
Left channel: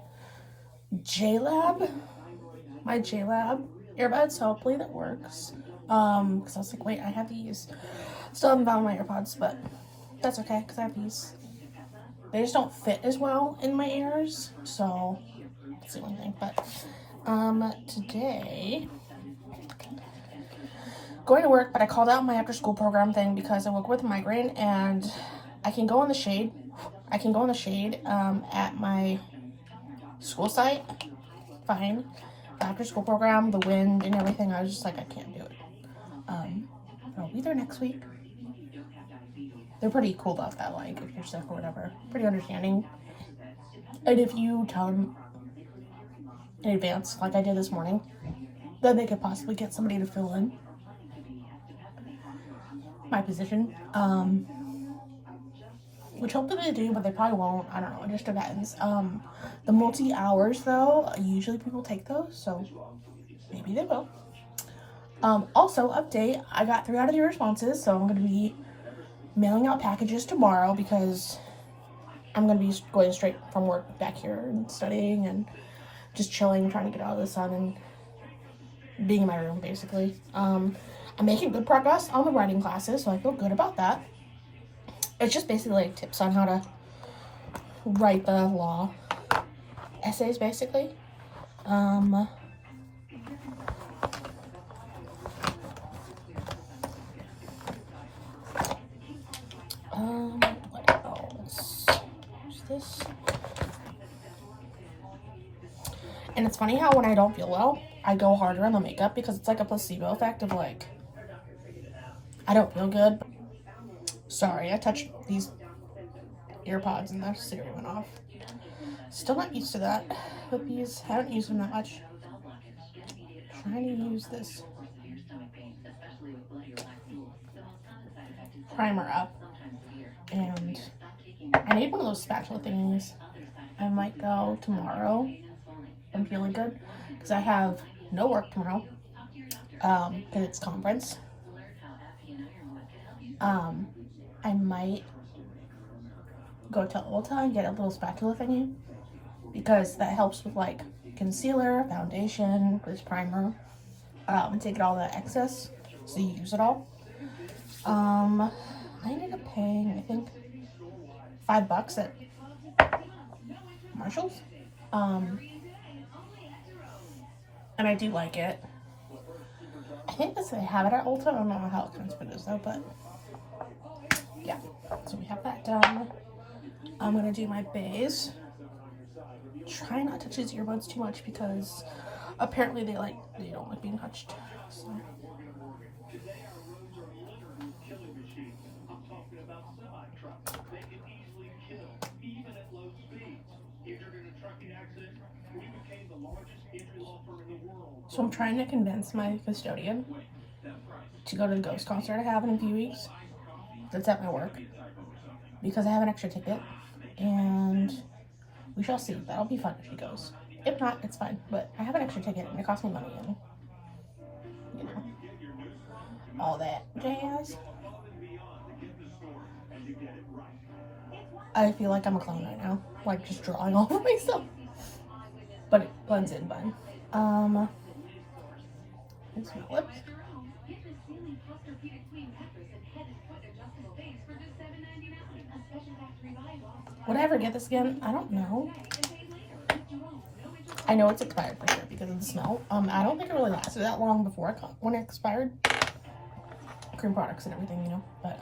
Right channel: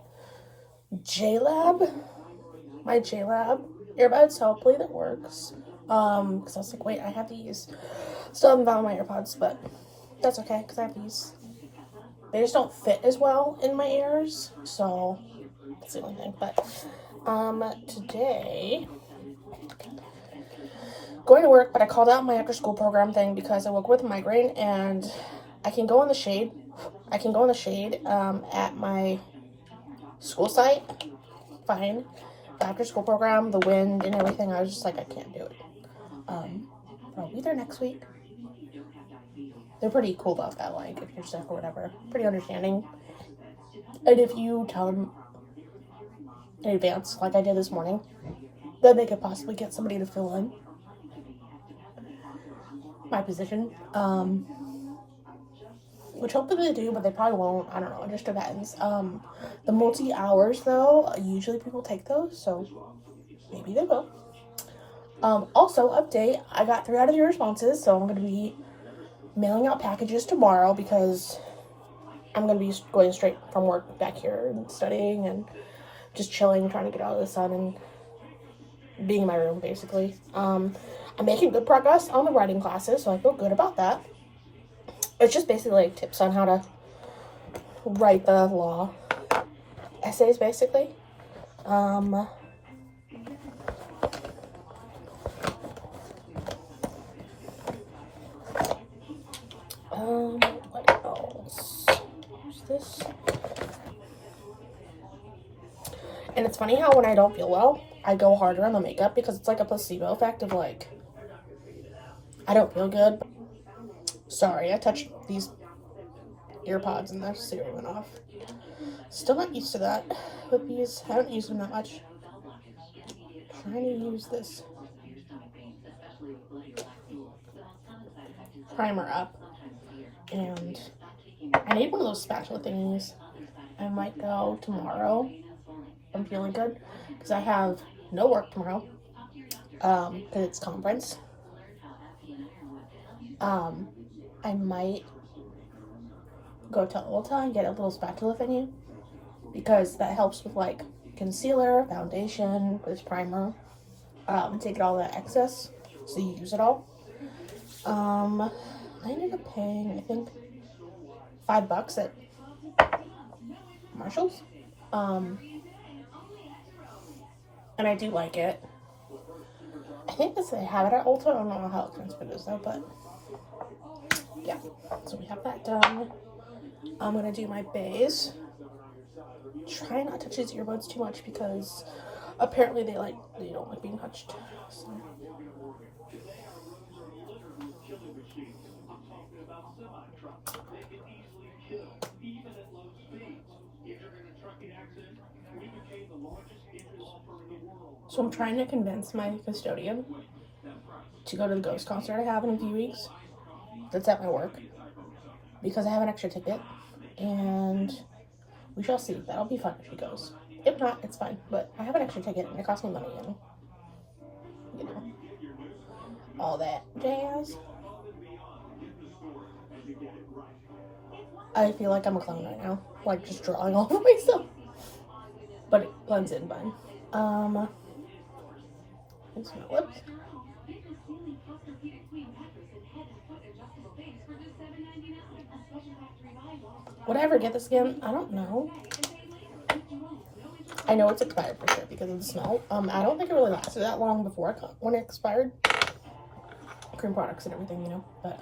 JLab earbuds. So hopefully that works. Because I was like, wait, I have these. Still haven't found my AirPods, but that's okay because I have these. They just don't fit as well in my ears, so that's the only thing. But today going to work, but I called out my after school program thing because I woke up with a migraine, and I can go in the shade. At my school site, fine. The after school program, the wind and everything, I was just like, I can't do it. I'll be there next week. They're pretty cool about that, like, if you're sick or whatever. Pretty understanding. And if you tell them in advance, like I did this morning, then they could possibly get somebody to fill in my position. Which hopefully they do, but they probably won't. I don't know. It just depends. The multi-hours, though, usually people take those, so maybe they will. Also, update, I got 3 out of your responses, so I'm going to be mailing out packages tomorrow because I'm going to be going straight from work back here and studying and just chilling, trying to get out of the sun and being in my room, basically. I'm making good progress on the writing classes, so I feel good about that. It's just basically like tips on how to write the law essays, basically. What else? What's this? And it's funny how when I don't feel well, I go harder on the makeup because it's like a placebo effect of like, I don't feel good. Sorry, I touched these earpods and the Siri went off. Still not used to that with these. I haven't used them that much. Trying to use this primer up, and I need one of those spatula thingies. I might go tomorrow. I'm feeling good because I have no work tomorrow because it's conference. I might go to Ulta and get a little spatula thingy because that helps with like concealer, foundation, this primer, and take all that excess so you use it all. I ended up paying, I think, $5 at Marshall's. And I do like it. I think they have it at Ulta. I don't know how expensive it is though, but yeah. So we have that done. I'm gonna do my base. Try not to touch these earbuds too much because apparently they don't like being touched. So. So I'm trying to convince my custodian to go to the Ghost concert I have in a few weeks. That's at my work. Because I have an extra ticket. And we shall see. That'll be fun if she goes. If not, it's fine. But I have an extra ticket and it costs me money and, you know, all that jazz. I feel like I'm a clown right now. Like, just drawing all over myself. But it blends in fine. It's my lips. Would I ever get this again? I don't know. I know it's expired for sure because of the smell. I don't think it really lasted that long before when it expired. Cream products and everything, you know. But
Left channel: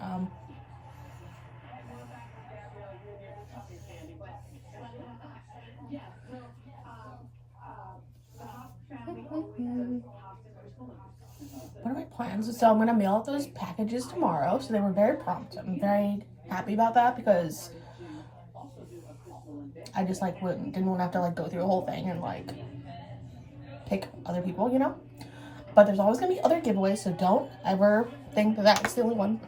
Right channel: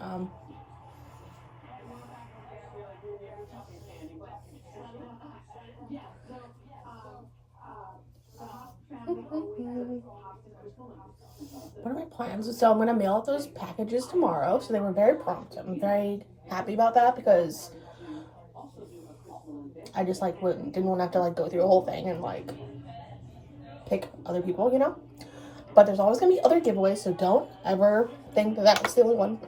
what are my plans? So I'm gonna mail out those packages tomorrow. So they were very prompt. I'm very happy about that because I just like didn't want to have to like go through the whole thing and like pick other people, you know. But there's always gonna be other giveaways, so don't ever think that that's the only one.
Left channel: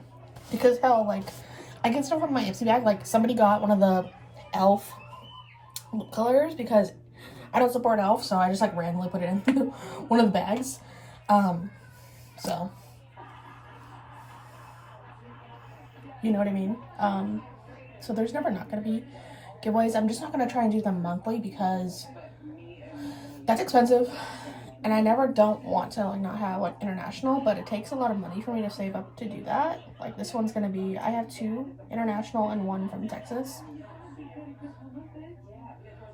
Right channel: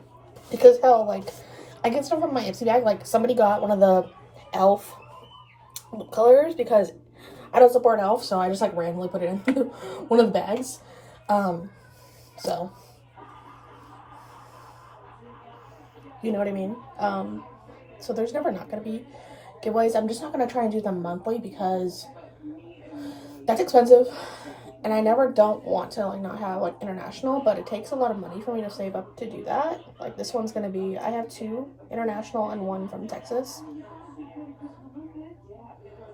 Because hell, like I get stuff from my Ipsy bag. Like somebody got one of the elf lip colors because I don't support elf, so I just like randomly put it in one of the bags. So you know what I mean. So there's never not gonna be giveaways. I'm just not gonna try and do them monthly because that's expensive. And I never don't want to like not have like international, but it takes a lot of money for me to save up to do that. Like this one's gonna be, I have 2 international and 1 from Texas.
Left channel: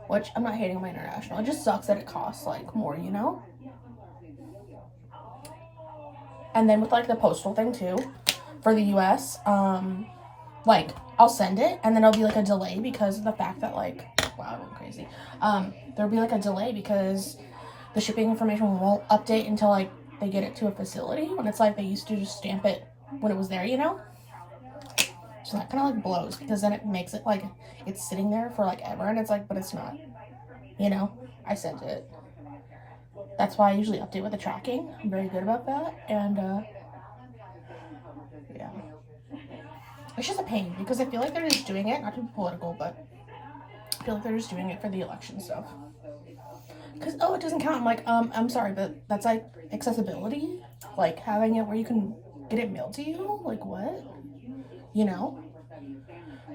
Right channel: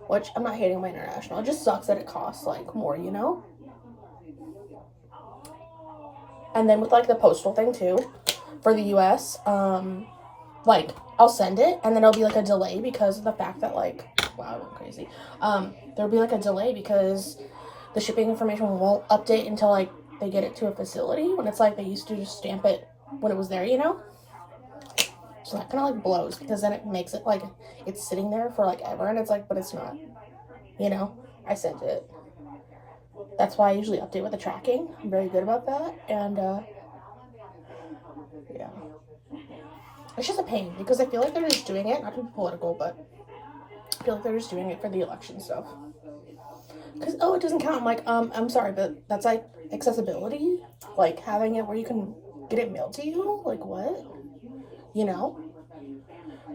Which I'm not hating my international. It just sucks that it costs like more, you know? And then with like the postal thing too, for the US, like I'll send it and then it'll be like a delay because of the fact that like, wow, I went crazy. There'll be like a delay because the shipping information won't update until like they get it to a facility when it's like they used to just stamp it when it was there, you know? So that kind of like blows because then it makes it like it's sitting there for like ever and it's like, but it's not, you know? I sent it. That's why I usually update with the tracking. I'm very good about that. And yeah. It's just a pain because I feel like they're just doing it, not to be political, but I feel like they're just doing it for the election stuff. Because, oh, it doesn't count. I'm like, I'm sorry, but that's like accessibility. Like having it where you can get it mailed to you. Like what? You know?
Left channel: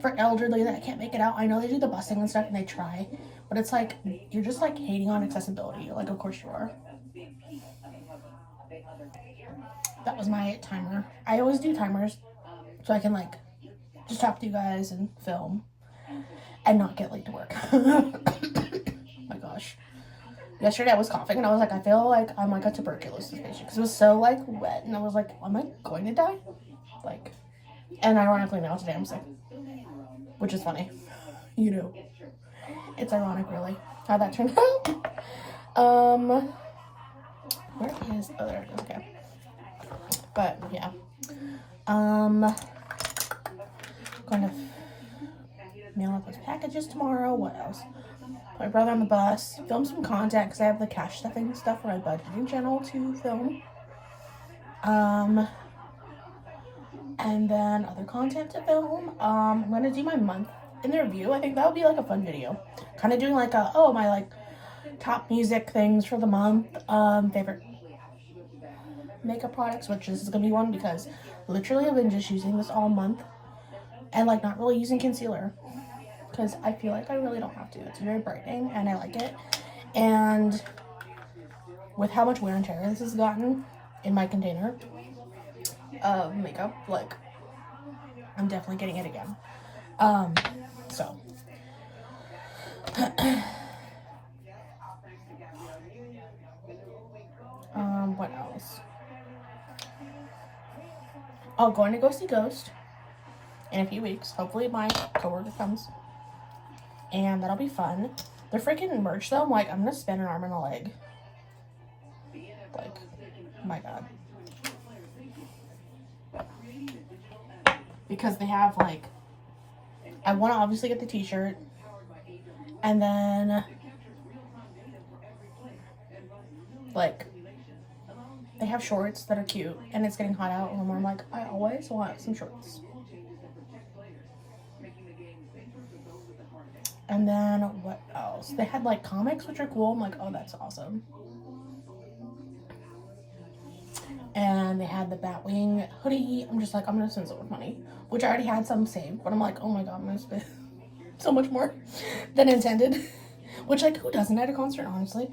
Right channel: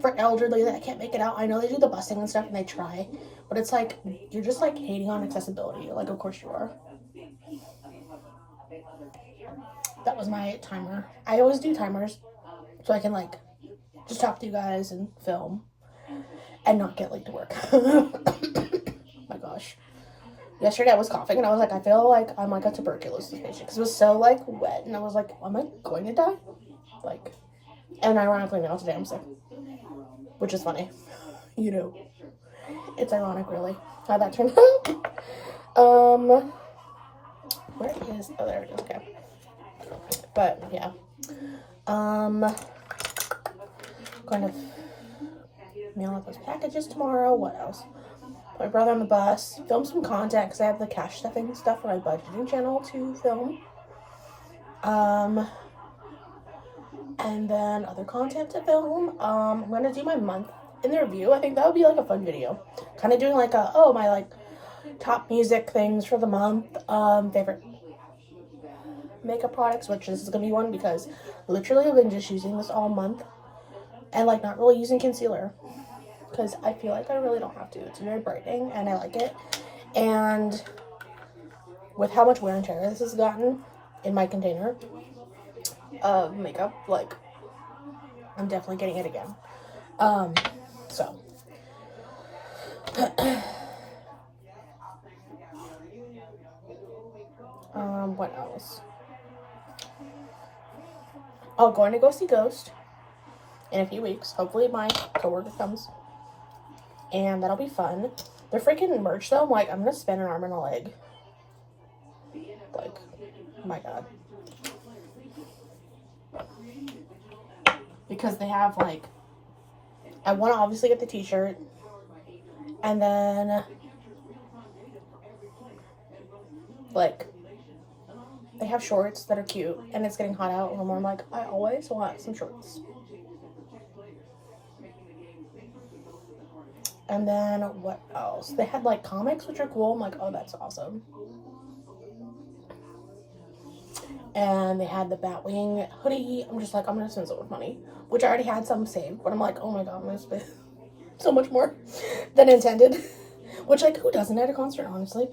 For elderly that can't make it out. I know they do the busing and stuff and they try. But it's like, you're just like hating on accessibility. You're like, of course you are. That was my timer. I always do timers so I can like just talk to you guys and film and not get late to work. My gosh. Yesterday I was coughing and I was like, I feel like I'm like a tuberculosis patient because it was so like wet and I was like, am I going to die? Like, and ironically now today I'm sick, which is funny. You know, it's ironic really how that turned out. Where is, oh there it is, okay. But yeah, going to mail out those packages tomorrow. What else? My brother on the bus, film some content because I have the cash stuffing stuff for my budgeting channel to film. And then other content to film. I'm gonna do my month in the review. I think that would be like a fun video. Kind of doing like a, oh, my like top music things for the month. Favorite makeup products, which this is gonna be one because literally I've been just using this all month and like not really using concealer because I feel like I really don't have to. It's very brightening and I like it. And with how much wear and tear this has gotten in my container of makeup, like I'm definitely getting it again. So what else? Oh, going to go see Ghost in a few weeks. Hopefully my coworker comes. And that'll be fun. They're freaking merch though. I'm like, I'm gonna spend an arm and a leg. Like, my God. Because they have like, I want to obviously get the t-shirt. And then like they have shorts that are cute, and it's getting hot out, and I'm like, I always want some shorts. And then what else? They had like comics, which are cool. I'm like, oh, that's awesome. And they had the Batwing hoodie. I'm just like, I'm gonna spend so much money, which I already had some saved, but I'm like, oh my god, I'm gonna spend so much more than intended. Which, like, who doesn't at a concert, honestly?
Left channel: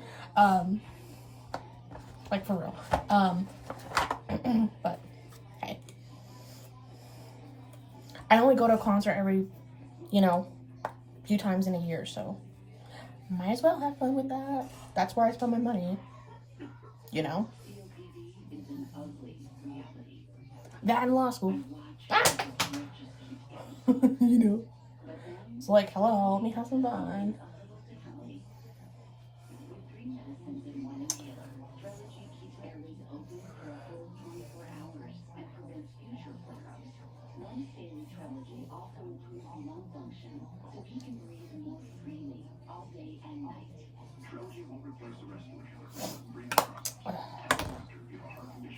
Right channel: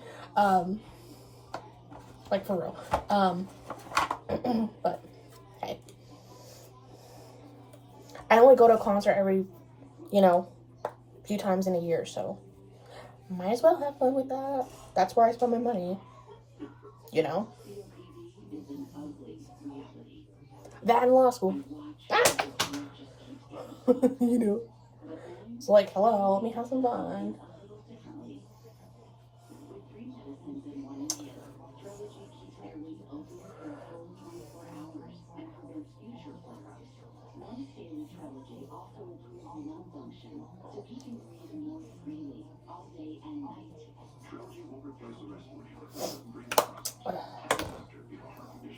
Like, for real. But hey, I only go to a concert every, few times in a year, so might as well have fun with that. That's where I spend my money, that in law school. Ah! It's like, hello, let me have some fun.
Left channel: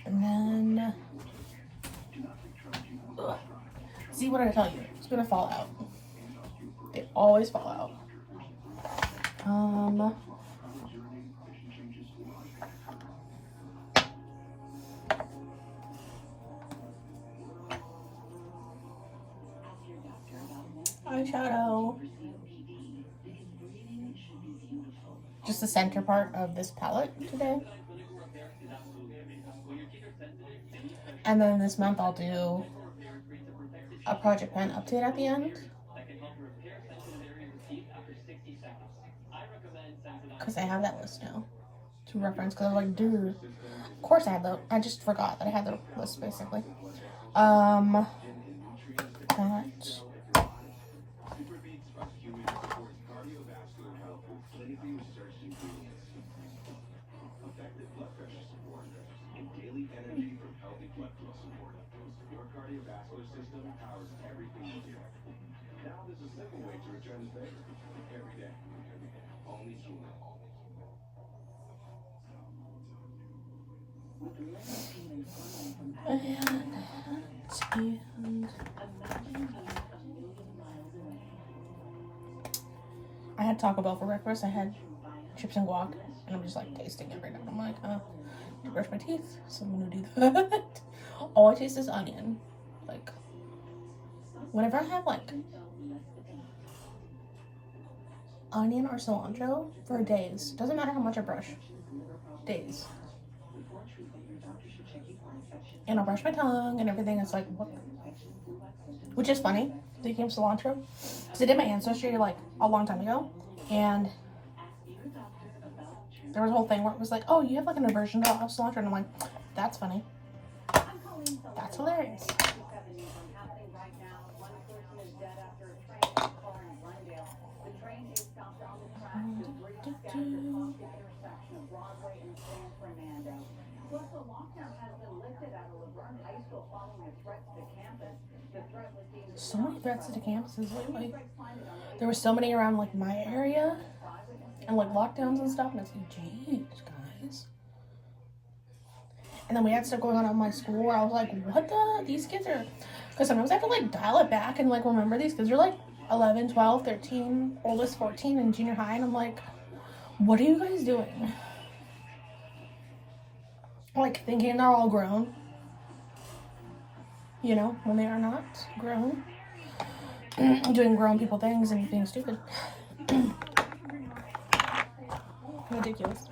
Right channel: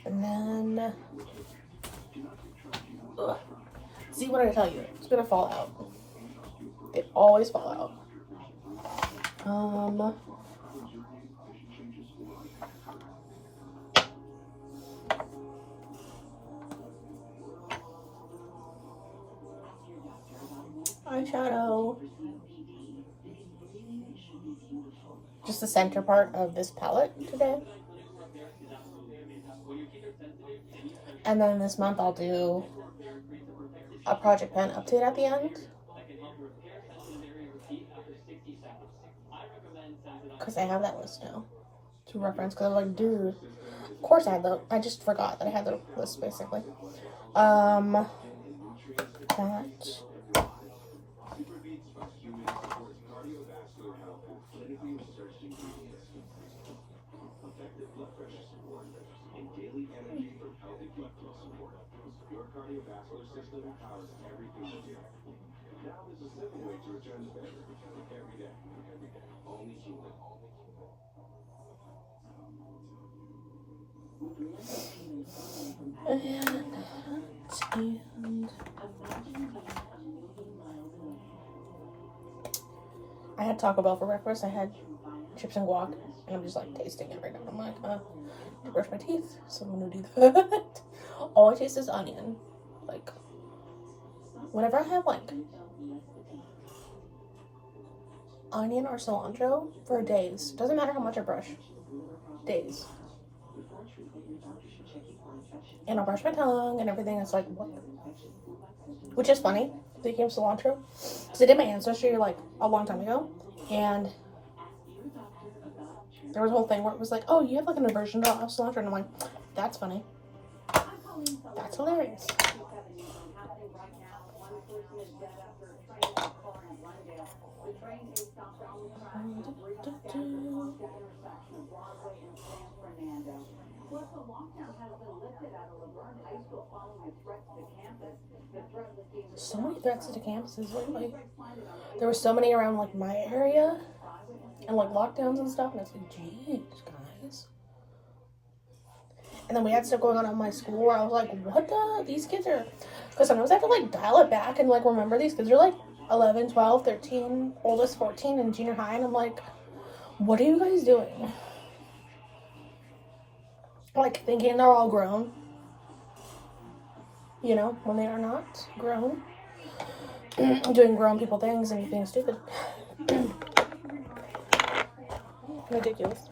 And then, see what I tell you, it's gonna fall out. They always fall out. Eyeshadow. Just the center part of this palette today. And then this month I'll do a project pen update at the end. Because I have that list now to reference. Because I'm like, dude, of course I had I just forgot that I had the list basically. That. And I had Taco Bell for breakfast. I had chips and guac, and I'm just like tasting it right now. I'm like, to brush my teeth, so I'm gonna do that. All I taste is onion. Like, whenever I have like onion or cilantro for days, doesn't matter how much I brush, days. And I'll brush my tongue and everything. It's like, what? Which is funny. They came cilantro because I did my ancestry like a long time ago, and there was a whole thing where it was like, oh, you have like an aversion to cilantro, and I'm like, that's funny. That's hilarious. So many threats to campuses lately. There were so many around like my area and like lockdowns and stuff, and it's like, geez, guys. And then we had stuff going on at my school where I was like, what the? These kids are... Because sometimes I have to like dial it back and like remember these kids are like 11, 12, 13, oldest 14 in junior high, and I'm like, what are you guys doing? Like thinking they're all grown. When they are not grown. Doing grown people things and being stupid. Ridiculous.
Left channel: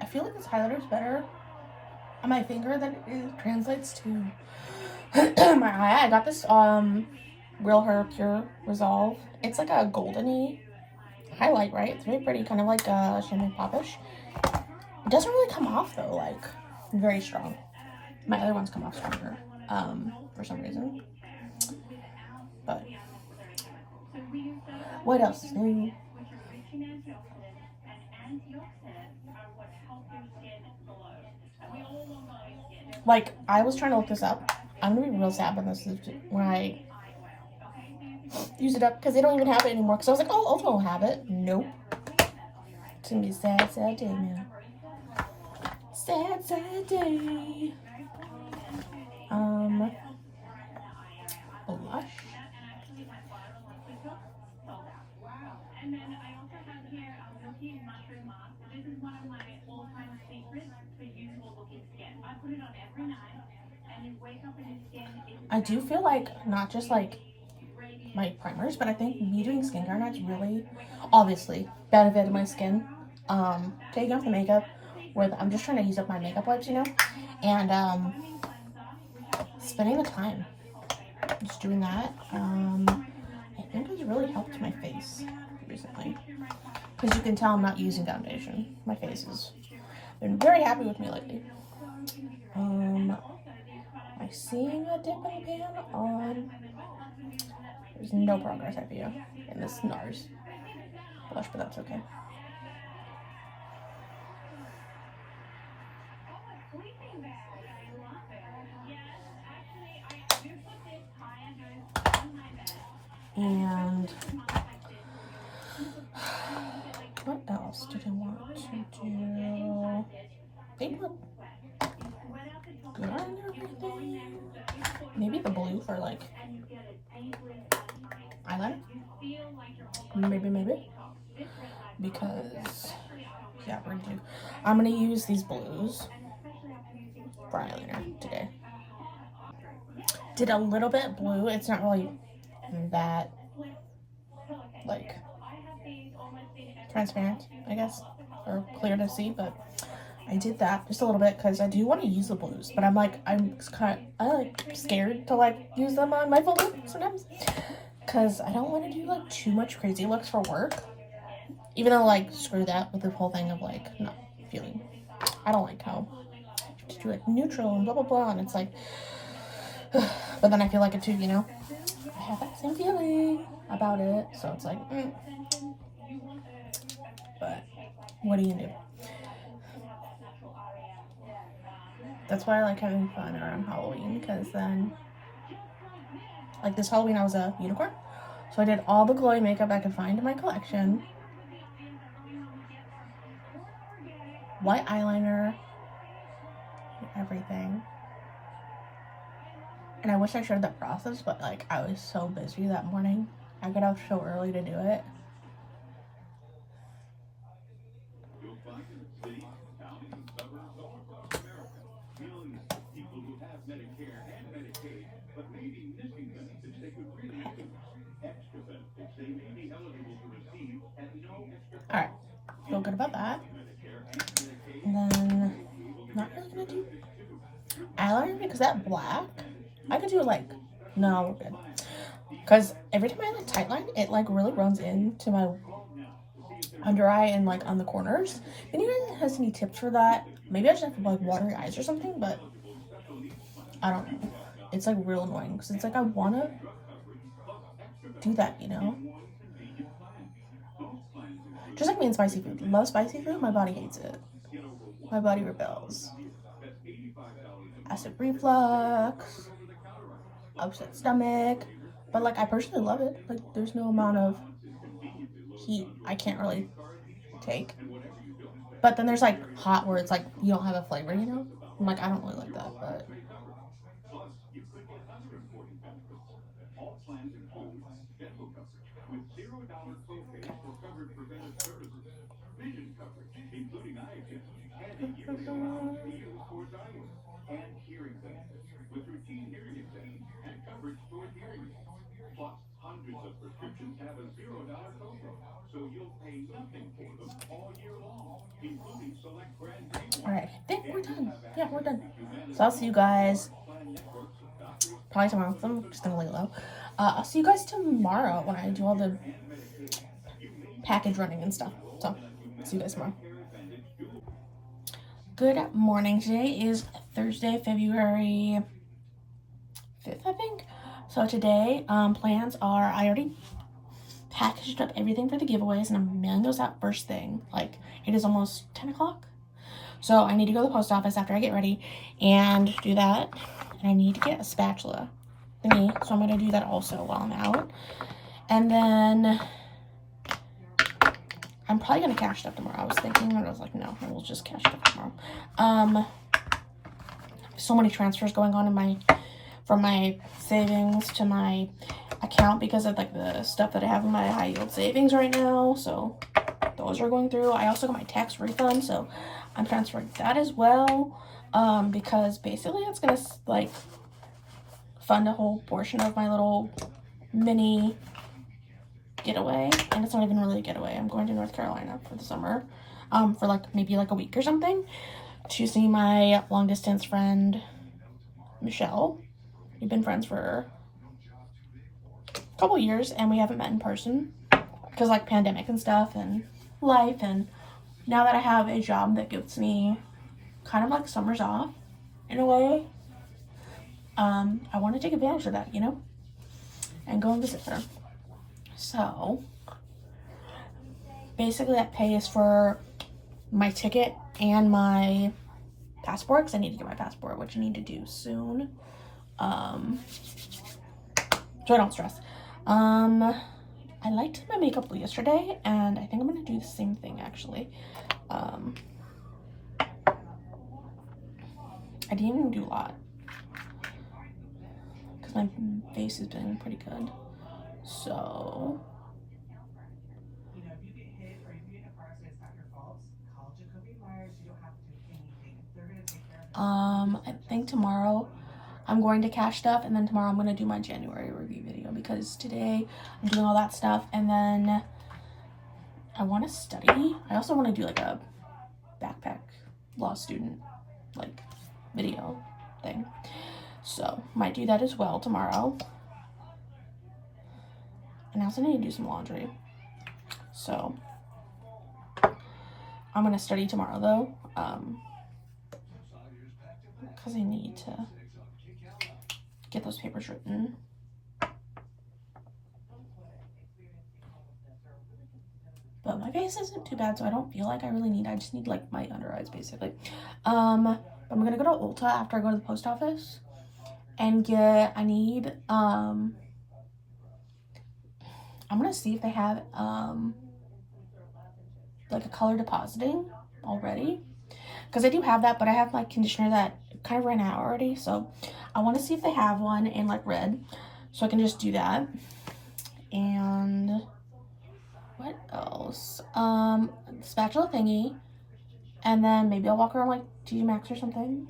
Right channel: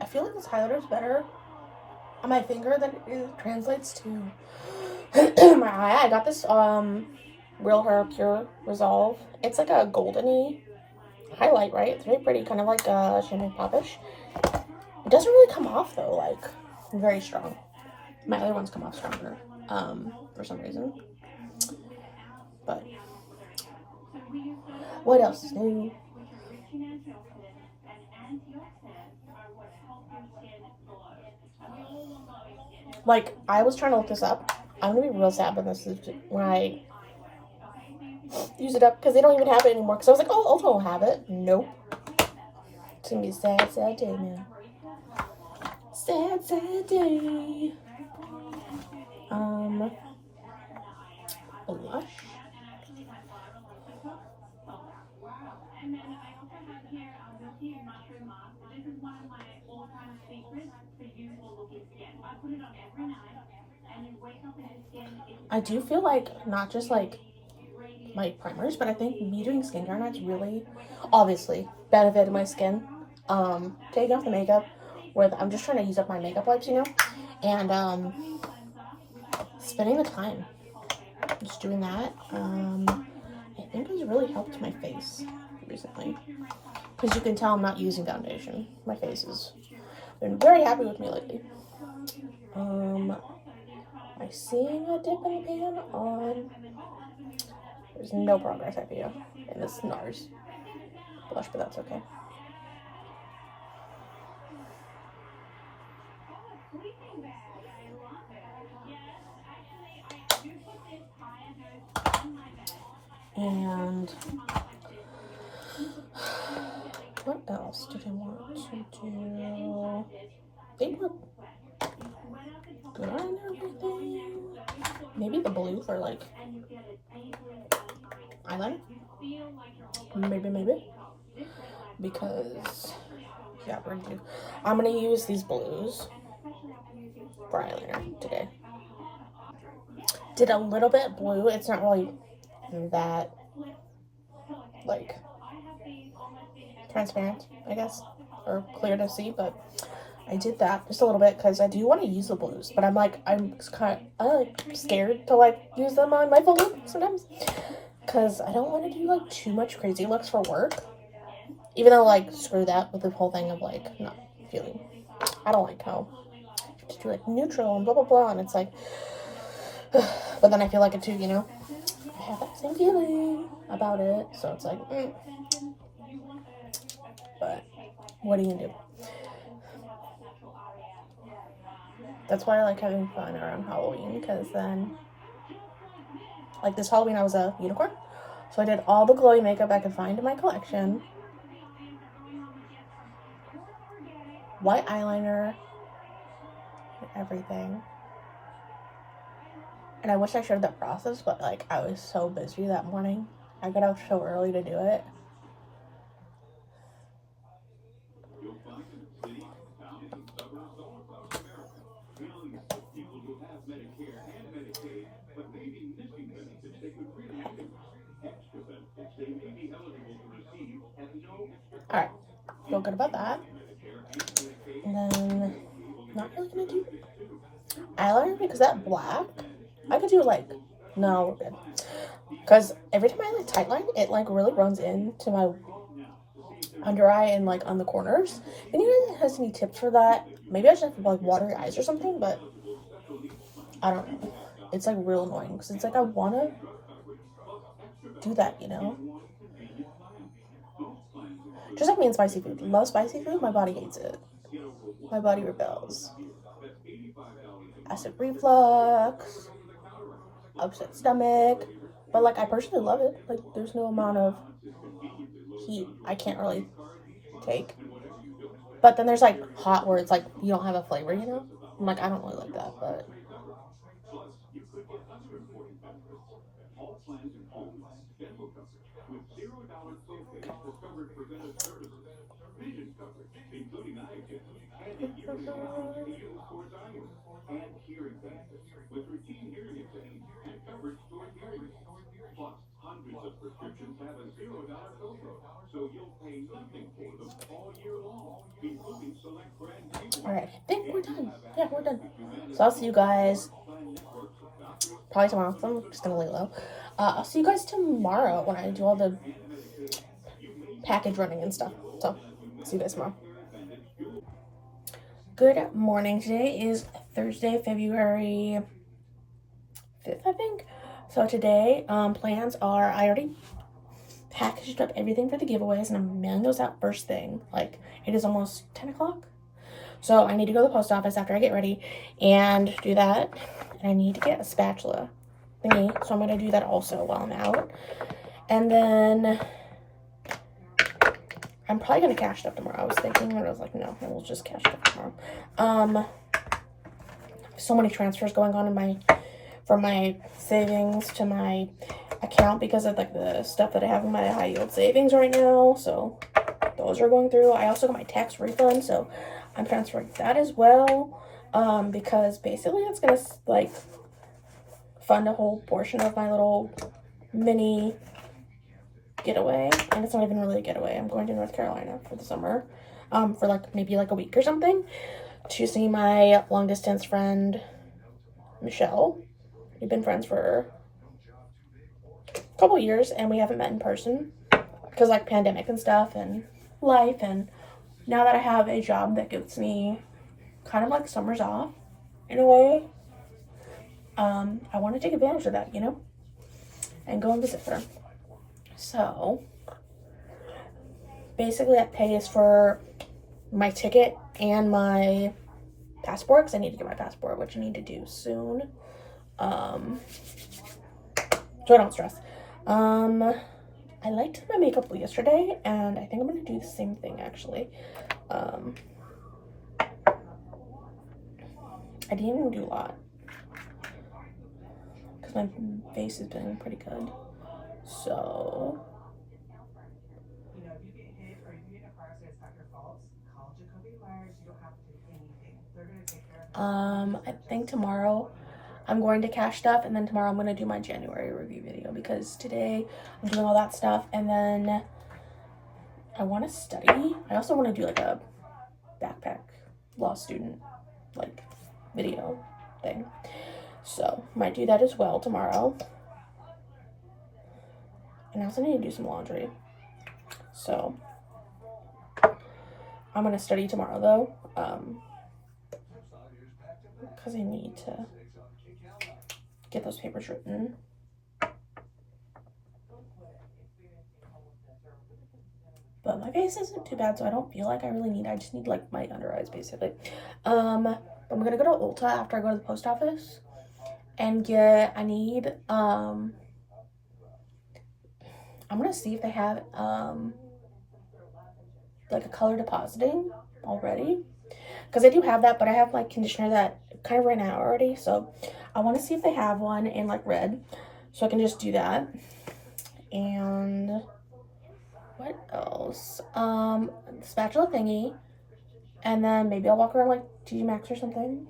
I feel like this highlighter is better on my finger than it translates to my eye. I got this Real Her Pure Resolve. It's like a goldeny highlight, right? It's very pretty, kind of like champagne popish. It doesn't really come off though, like very strong. My other ones come off stronger, for some reason. But What else is new? Like, I was trying to look this up. I'm gonna be real sad when I use it up because they don't even have it anymore. Because I was like, oh, Ulta will have it. Nope. It's gonna be a sad, sad day, man. Sad, sad day. Blush. I do feel like not just like my primers, but I think me doing skincare nights really obviously benefited my skin. Taking off the makeup with I'm just trying to use up my makeup wipes, you know, and spending the time just doing that. I think has really helped my face recently because you can tell I'm not using foundation. My face has been very happy with me lately. Am I seeing a dip in the pan on? There's no progress I feel in this NARS blush, but that's okay. And what else did I want to do? They look good on everything. Maybe the blue for like eyeliner. Maybe. Because yeah, I'm gonna use these blues for eyeliner today. Did a little bit blue. It's not really that like transparent, I guess, or clear to see, but I did that just a little bit because I do want to use the blues, but I'm kind of scared to like use them on my full lip sometimes because I don't want to do like too much crazy looks for work, even though like screw that with the whole thing of like not feeling. I don't like how you have to do like neutral and blah blah blah, and it's like, but then I feel like it too, you know. I have that same feeling about it, so it's like, but what are you gonna do? That's why I like having fun around Halloween, because then, like this Halloween, I was a unicorn. So I did all the glowy makeup I could find in my collection. White eyeliner, everything. And I wish I showed that process, but like I was so busy that morning. I got up so early to do it. Alright, feel good about that. And then, not really gonna do eyeliner because that black, I could do like, no, we're good. Because every time I like tightline, it like really runs into my under eye and like on the corners. Anyone has any tips for that? Maybe I should have to like water your eyes or something, but I don't know. It's like real annoying because it's like I want to do that, you know? Just like me and spicy food. Love spicy food, my body hates it. My body rebels. Acid reflux, upset stomach. But like I personally love it. Like there's no amount of heat I can't really take. But then there's like hot where it's like you don't have a flavor, you know? I'm like I don't really like that, but alright, I think we're done. Yeah, we're done. So I'll see you guys probably tomorrow. I'm just gonna lay low. I'll see you guys tomorrow when I do all the package running and stuff. So see you guys tomorrow. Good morning. Today is Thursday, February 5th, I think. So today, plans are I already packaged up everything for the giveaways, and I'm mailing those out first thing. Like, it is almost 10 o'clock. So I need to go to the post office after I get ready and do that. And I need to get a spatula thingy. So I'm going to do that also while I'm out. And then I'm probably going to cash stuff tomorrow. I was thinking, and I was like, no, we'll just cash stuff tomorrow. So many transfers going on from my savings to my account because of like the stuff that I have in my high yield savings right now. So those are going through. I also got my tax refund, so I'm transferring that as well, because basically it's gonna like fund a whole portion of my little mini getaway. And it's not even really a getaway. I'm going to North Carolina for the summer, for like maybe like a week or something, to see my long distance friend Michelle. We've been friends for a couple years and we haven't met in person because like pandemic and stuff and life. And now that I have a job that gives me kind of like summers off in a way, I want to take advantage of that, you know, and go and visit her. So basically that pays for my ticket and my passport, because I need to get my passport, which I need to do soon, so I don't stress. I liked my makeup yesterday, and I think I'm gonna do the same thing actually. I didn't even do a lot because my face is doing pretty good. So I think tomorrow I'm going to cash stuff, and then tomorrow I'm going to do my January review video, because today I'm doing all that stuff, and then I want to study. I also want to do like a backpack law student like video thing, so might do that as well tomorrow. And I also need to do some laundry, so I'm going to study tomorrow though, because I need to get those papers written. But my face isn't too bad, so I don't feel like I really need, I just need like my under eyes basically. But I'm gonna go to Ulta after I go to the post office and I need, I'm gonna see if they have like a color depositing already, because I do have that, but I have my conditioner that kind of ran out already, so I want to see if they have one in like red, so I can just do that. And what else? Spatula thingy, and then maybe I'll walk around like TJ Maxx or something.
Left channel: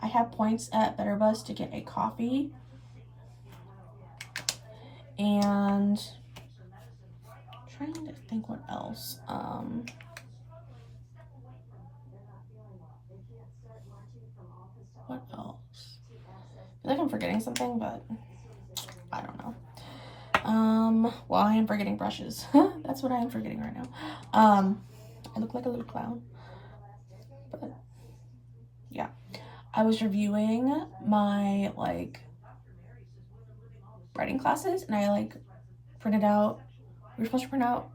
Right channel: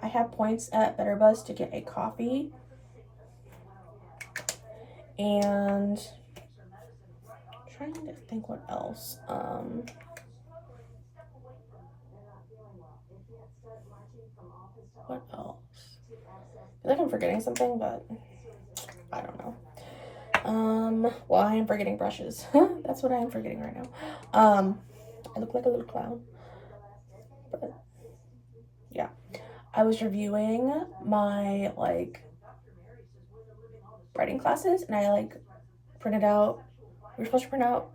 I have points at Better Buzz to get a coffee, and I'm trying to think what else. What else? I feel like I'm forgetting something, but I don't know. Well, I am forgetting brushes. That's what I am forgetting right now. I look like a little clown, but yeah. I was reviewing my like writing classes, and I like printed out, we were supposed to print out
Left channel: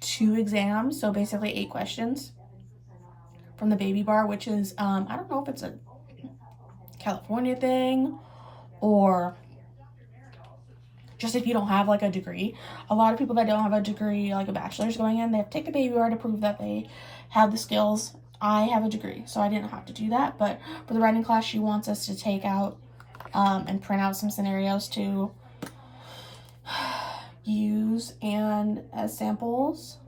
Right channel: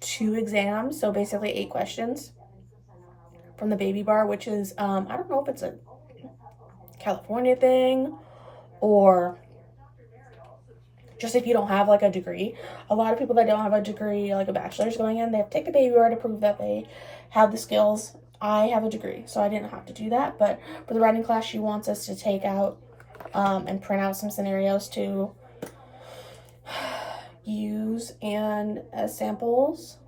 2 exams, so basically 8 questions from the baby bar, which is I don't know if it's a California thing or just if you don't have like a degree. A lot of people that don't have a degree, like a bachelor's going in, they have to take the baby bar to prove that they have the skills. I have a degree, so I didn't have to do that, but for the writing class, she wants us to take out and print out some scenarios to use and as samples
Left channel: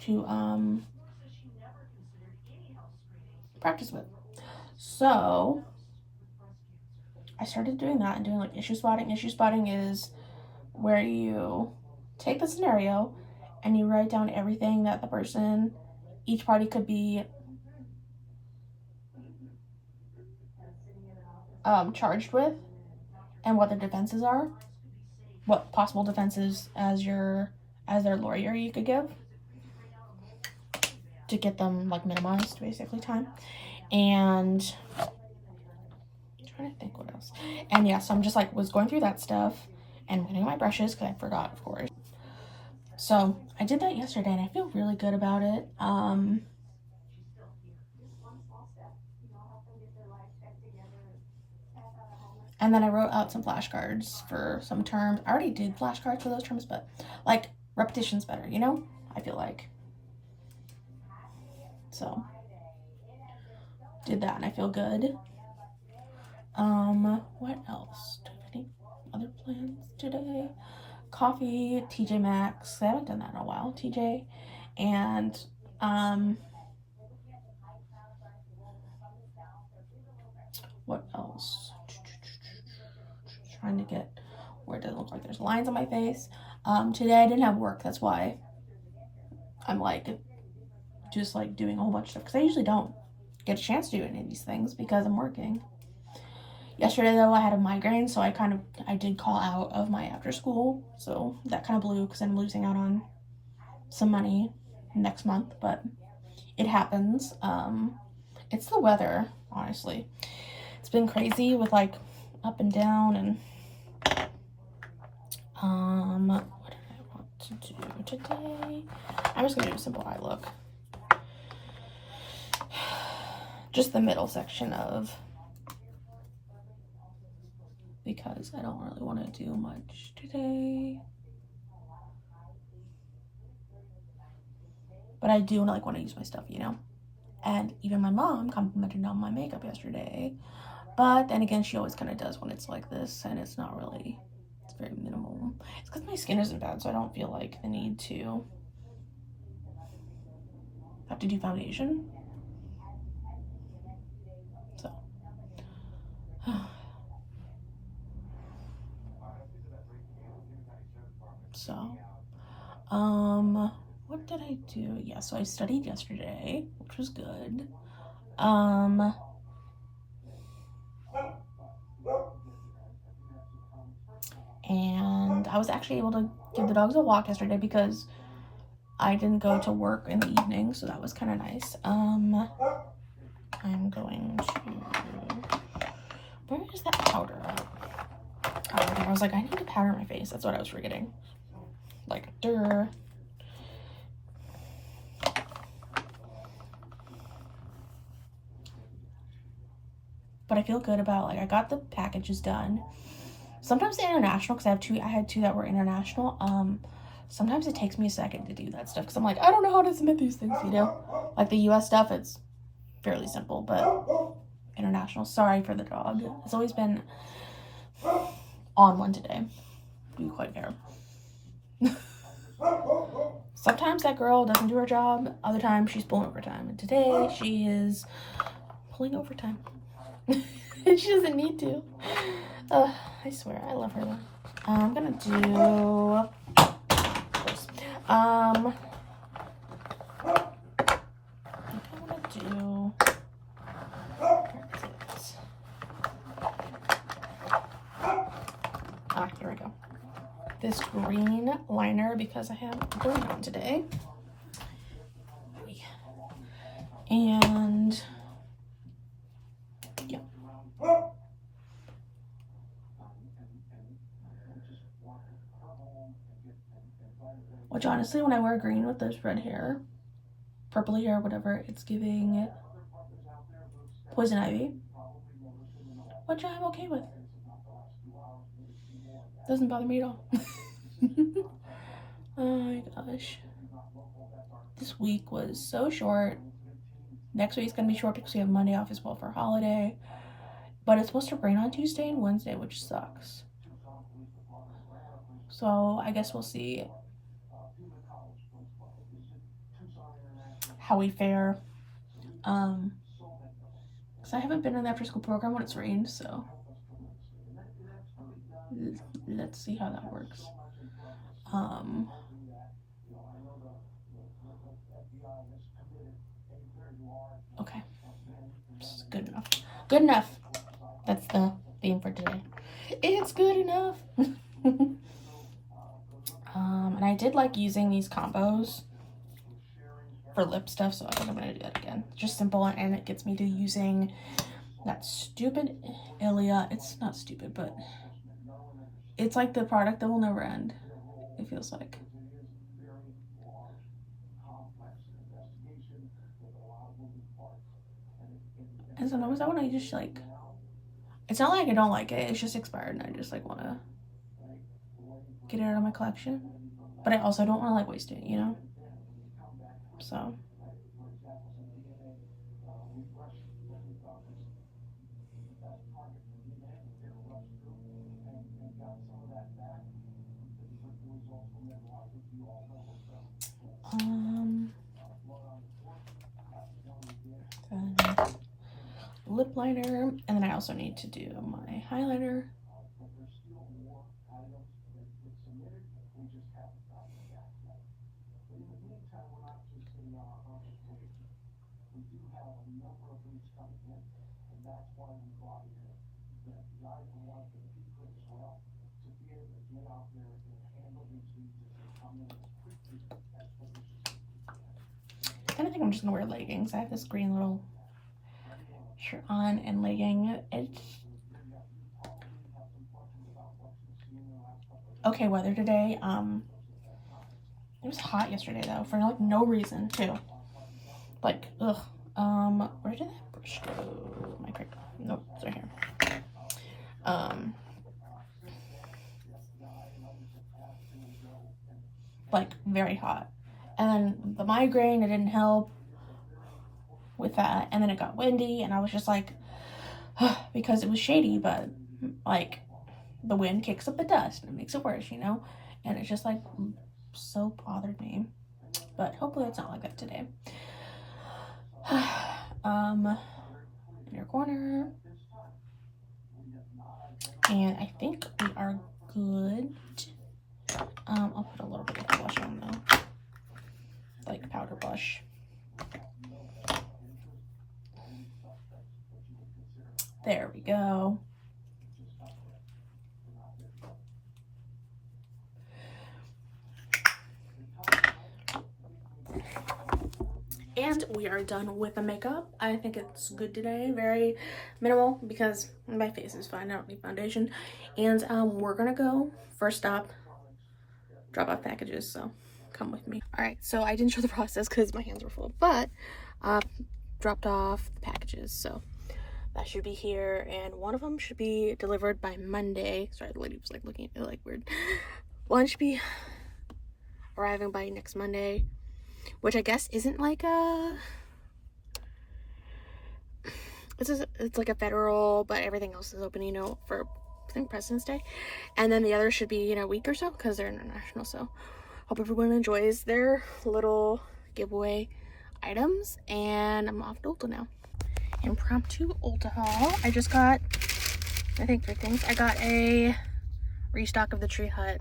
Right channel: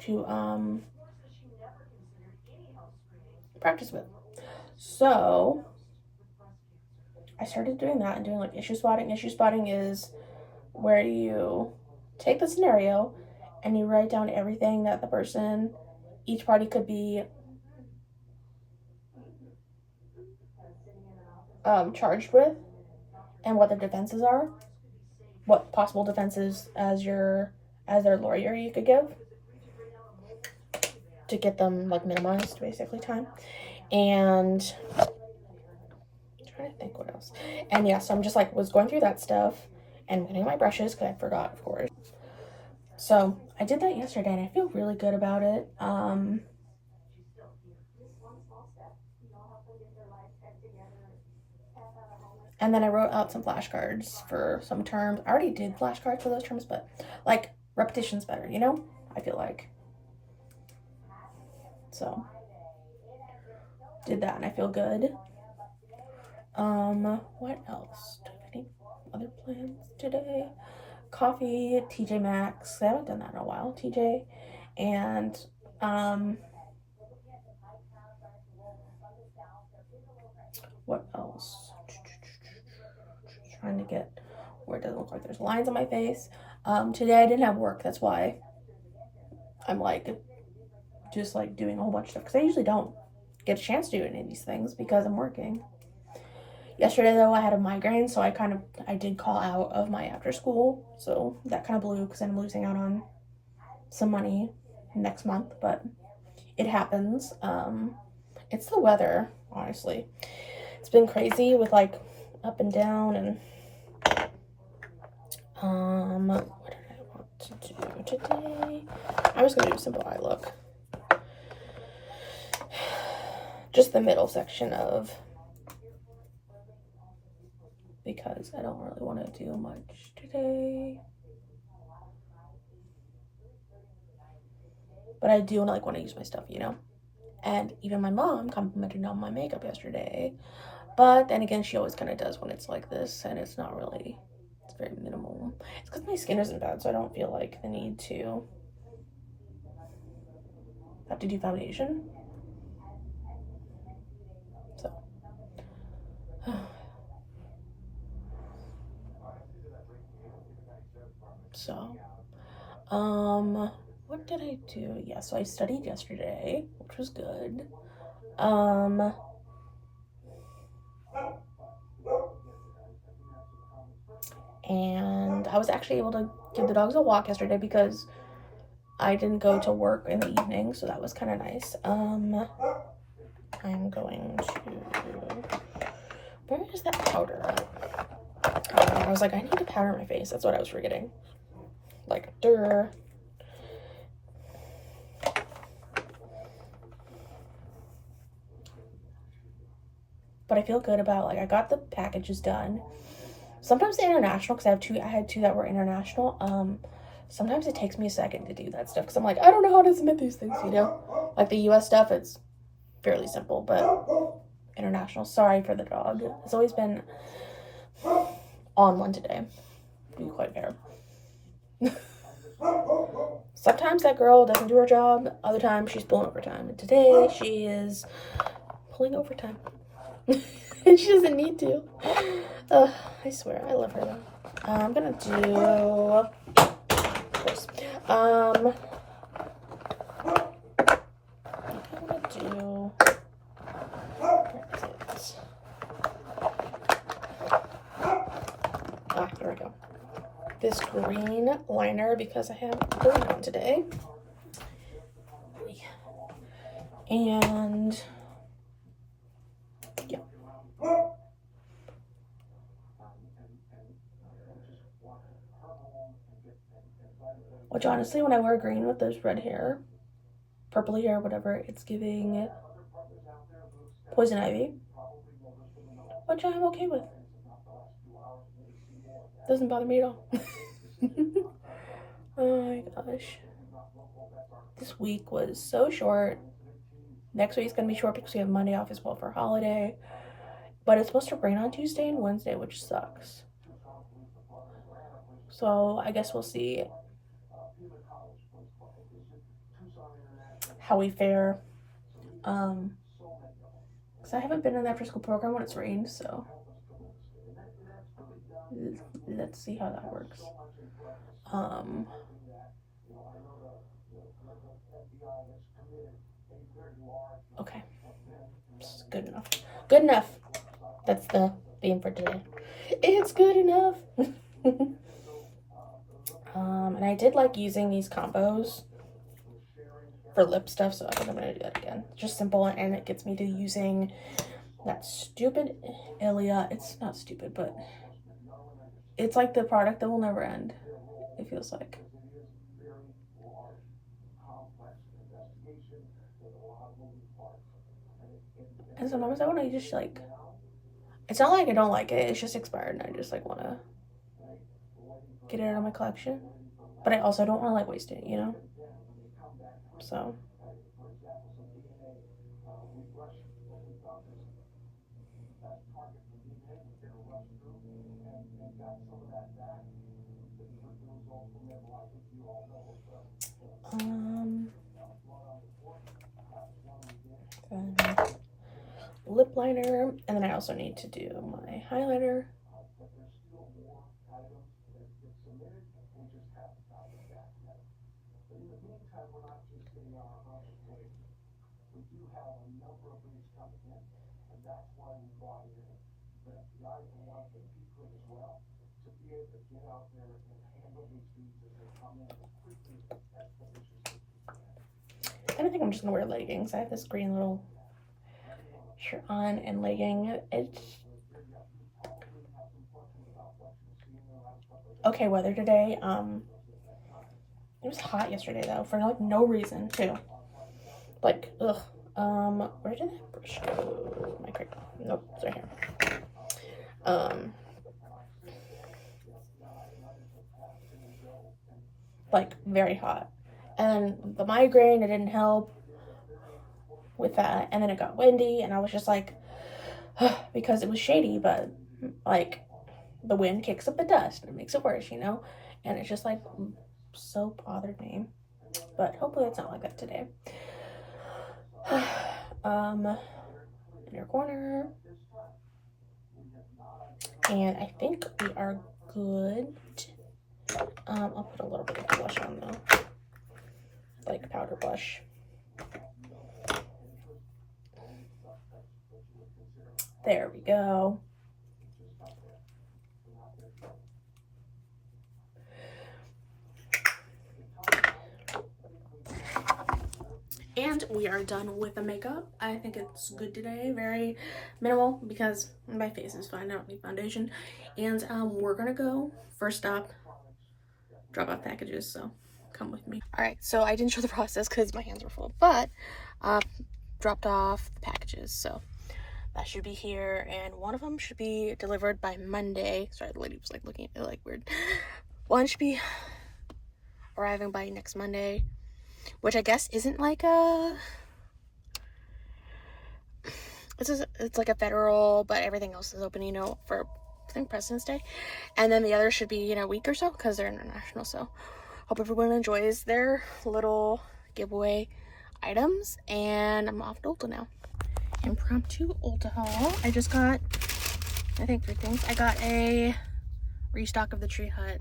to practice with. So I started doing that and doing like issue spotting. Issue spotting is where you take the scenario and you write down everything that the person, each party could be charged with, and what their defenses are, what possible defenses as their lawyer you could give to get them like minimized basically time. And I'm trying to think what else. And yeah, so I'm just like was going through that stuff, And I'm getting my brushes because I forgot, of course. So I did that yesterday and I feel really good about it. And then I wrote out some flashcards for some terms. I already did flashcards for those terms, but like repetition's better, you know? I feel like. So did that and I feel good. What else? Do I have any other plans today? Coffee, TJ Maxx. I haven't done that in a while. TJ. And what else? Trying to get where it doesn't look like there's lines on my face. Today I didn't have work. That's why I'm like just like doing a whole bunch of stuff, because I usually don't get a chance to do any of these things because I'm working. Yesterday though I had a migraine, so I did call out of my after school, so that kind of blew because I'm losing out on some money next month, but it happens. It's the weather, honestly. It's been crazy with like up and down, and what did I want to do today? I'm just gonna do a simple eye look. Just the middle section of, because I don't really want to do much today. But I do like want to use my stuff, you know? And even my mom complimented on my makeup yesterday. But then again, she always kind of does when it's like this, and it's not really, it's very minimal. It's because my skin isn't bad, so I don't feel like the need to have to do foundation. So, what did I do? Yeah, so I studied yesterday, which was good. And I was actually able to give the dogs a walk yesterday because I didn't go to work in the evening, so that was kind of nice. I'm going to, where is that powder at? Oh, I was like, I need to powder my face. That's what I was forgetting. Like, duh. But I feel good about, like, I got the packages done. Sometimes the international, because I had two that were international. Sometimes it takes me a second to do that stuff because I'm like, I don't know how to submit these things, you know? Like the US stuff, it's fairly simple, but international, sorry for the dog. It's always been on one today, to be quite fair. Sometimes that girl doesn't do her job, other times she's pulling overtime, and today she is pulling overtime. And she doesn't need to. I swear, I love her though. I'm gonna do, of course, I'm gonna do, here we go. This green liner because I have green on today. And yeah. Which honestly, when I wear green with this red hair, purpley hair, whatever, it's giving poison ivy, which I'm okay with. Doesn't bother me at all. Oh my gosh. This week was so short. Next week's gonna be short because we have Monday off as well for holiday. But it's supposed to rain on Tuesday and Wednesday, which sucks. So I guess we'll see how we fare. Because I haven't been in the after school program when it's rained, so let's see how that works. Okay. Good enough. Good enough. That's the theme for today. It's good enough. And I did like using these combos for lip stuff, so I think I'm gonna do that again. Just simple, and it gets me to using that stupid Ilia. It's not stupid, but It's like the product that will never end, it feels like. And sometimes I want to just like, it's not like I don't like it, it's just expired and I just like want to get it out of my collection. But I also don't want to like waste it, you know? So. Lip liner, and then I also need to do my highlighter. And I think I'm just gonna wear leggings. I have this green little shirt on and legging. It's okay weather today. It was hot yesterday though, for like no reason too. Like, ugh. Where did that brush go? My crayon. Nope, it's right here. Like very hot. And then the migraine, it didn't help with that. And then it got windy and I was just like, because it was shady, but like the wind kicks up the dust and it makes it worse, you know? And it's just like so bothered me. But hopefully it's not like that today. In your corner. And I think we are good. I'll put a little bit of blush on though. Like powder blush. There we go. And we are done with the makeup. I think it's good today. Very minimal because my face is fine. I don't need foundation. And we're gonna go first stop, drop off packages. So come with me. All right. So I didn't show the process because my hands were full, but dropped off the packages. So that should be here, and one of them should be delivered by Monday. Sorry, the lady was like looking at me like weird. One should be arriving by next Monday, which I guess isn't like a, it's like a federal, but everything else is open, you know, for I think President's Day. And then the other should be in a week or so because they're international. So hope everyone enjoys their little giveaway items, and I'm off to Ulta now. Impromptu Ulta haul. I just got, I think 3 things. I got a restock of the Tree Hut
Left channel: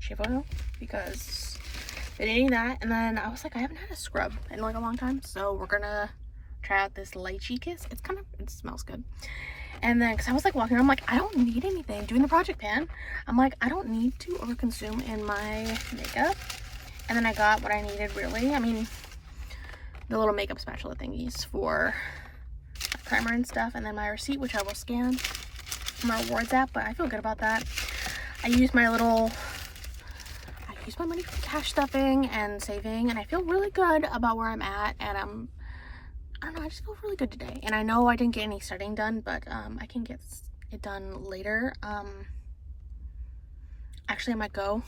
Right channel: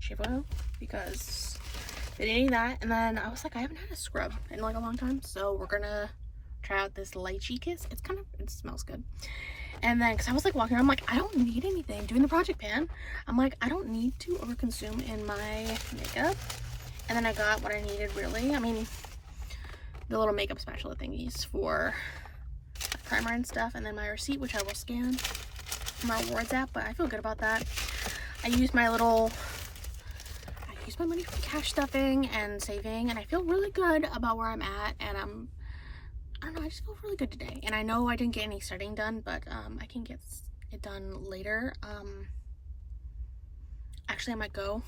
shave oil because they didn't need that. And then I was like, I haven't had a scrub in like a long time, so we're gonna try out this lychee kiss. It's kind of, it smells good. And then because I was like walking around, I'm like, I don't need anything. Doing the project pan, I'm like, I don't need to overconsume in my makeup. And then I got what I needed, really. I mean, the little makeup spatula thingies for primer and stuff, and then my receipt, which I will scan my rewards app. But I feel good about that. I use my money for cash stuffing and saving, and I feel really good about where I'm at. And I don't know, I just feel really good today. And I know I didn't get any setting done, but I can get it done later. Actually, I might go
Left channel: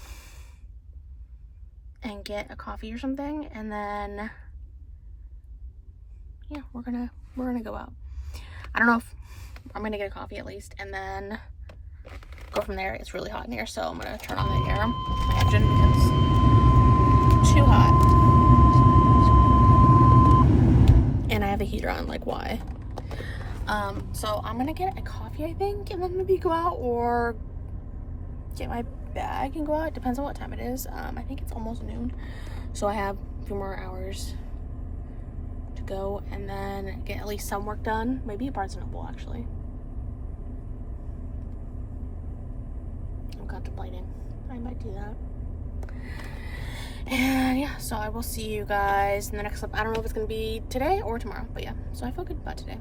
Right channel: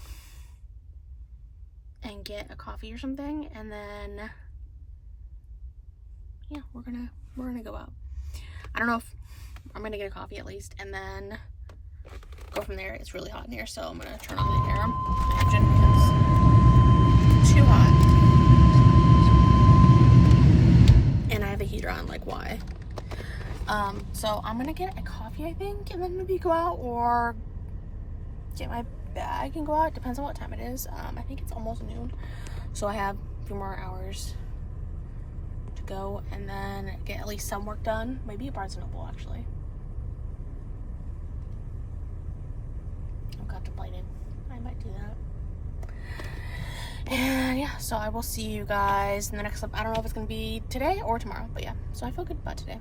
and get a coffee or something, and then yeah, we're gonna go out. I don't know if I'm gonna get a coffee at least, and then go from there. It's really hot in here, so I'm gonna turn on the air, my engine, because it's too hot. And I have a heater on, like why? So I'm gonna get a coffee, I think, and then maybe go out or get my bag and go out. It depends on what time it is. I think it's almost noon, so I have a few more hours to go, and then get at least some work done. Maybe at Barnes & Noble, actually. I'm contemplating. I might do that. And yeah, so I will see you guys in the next clip. I don't know if it's gonna be today or tomorrow, but yeah, so I feel good about today.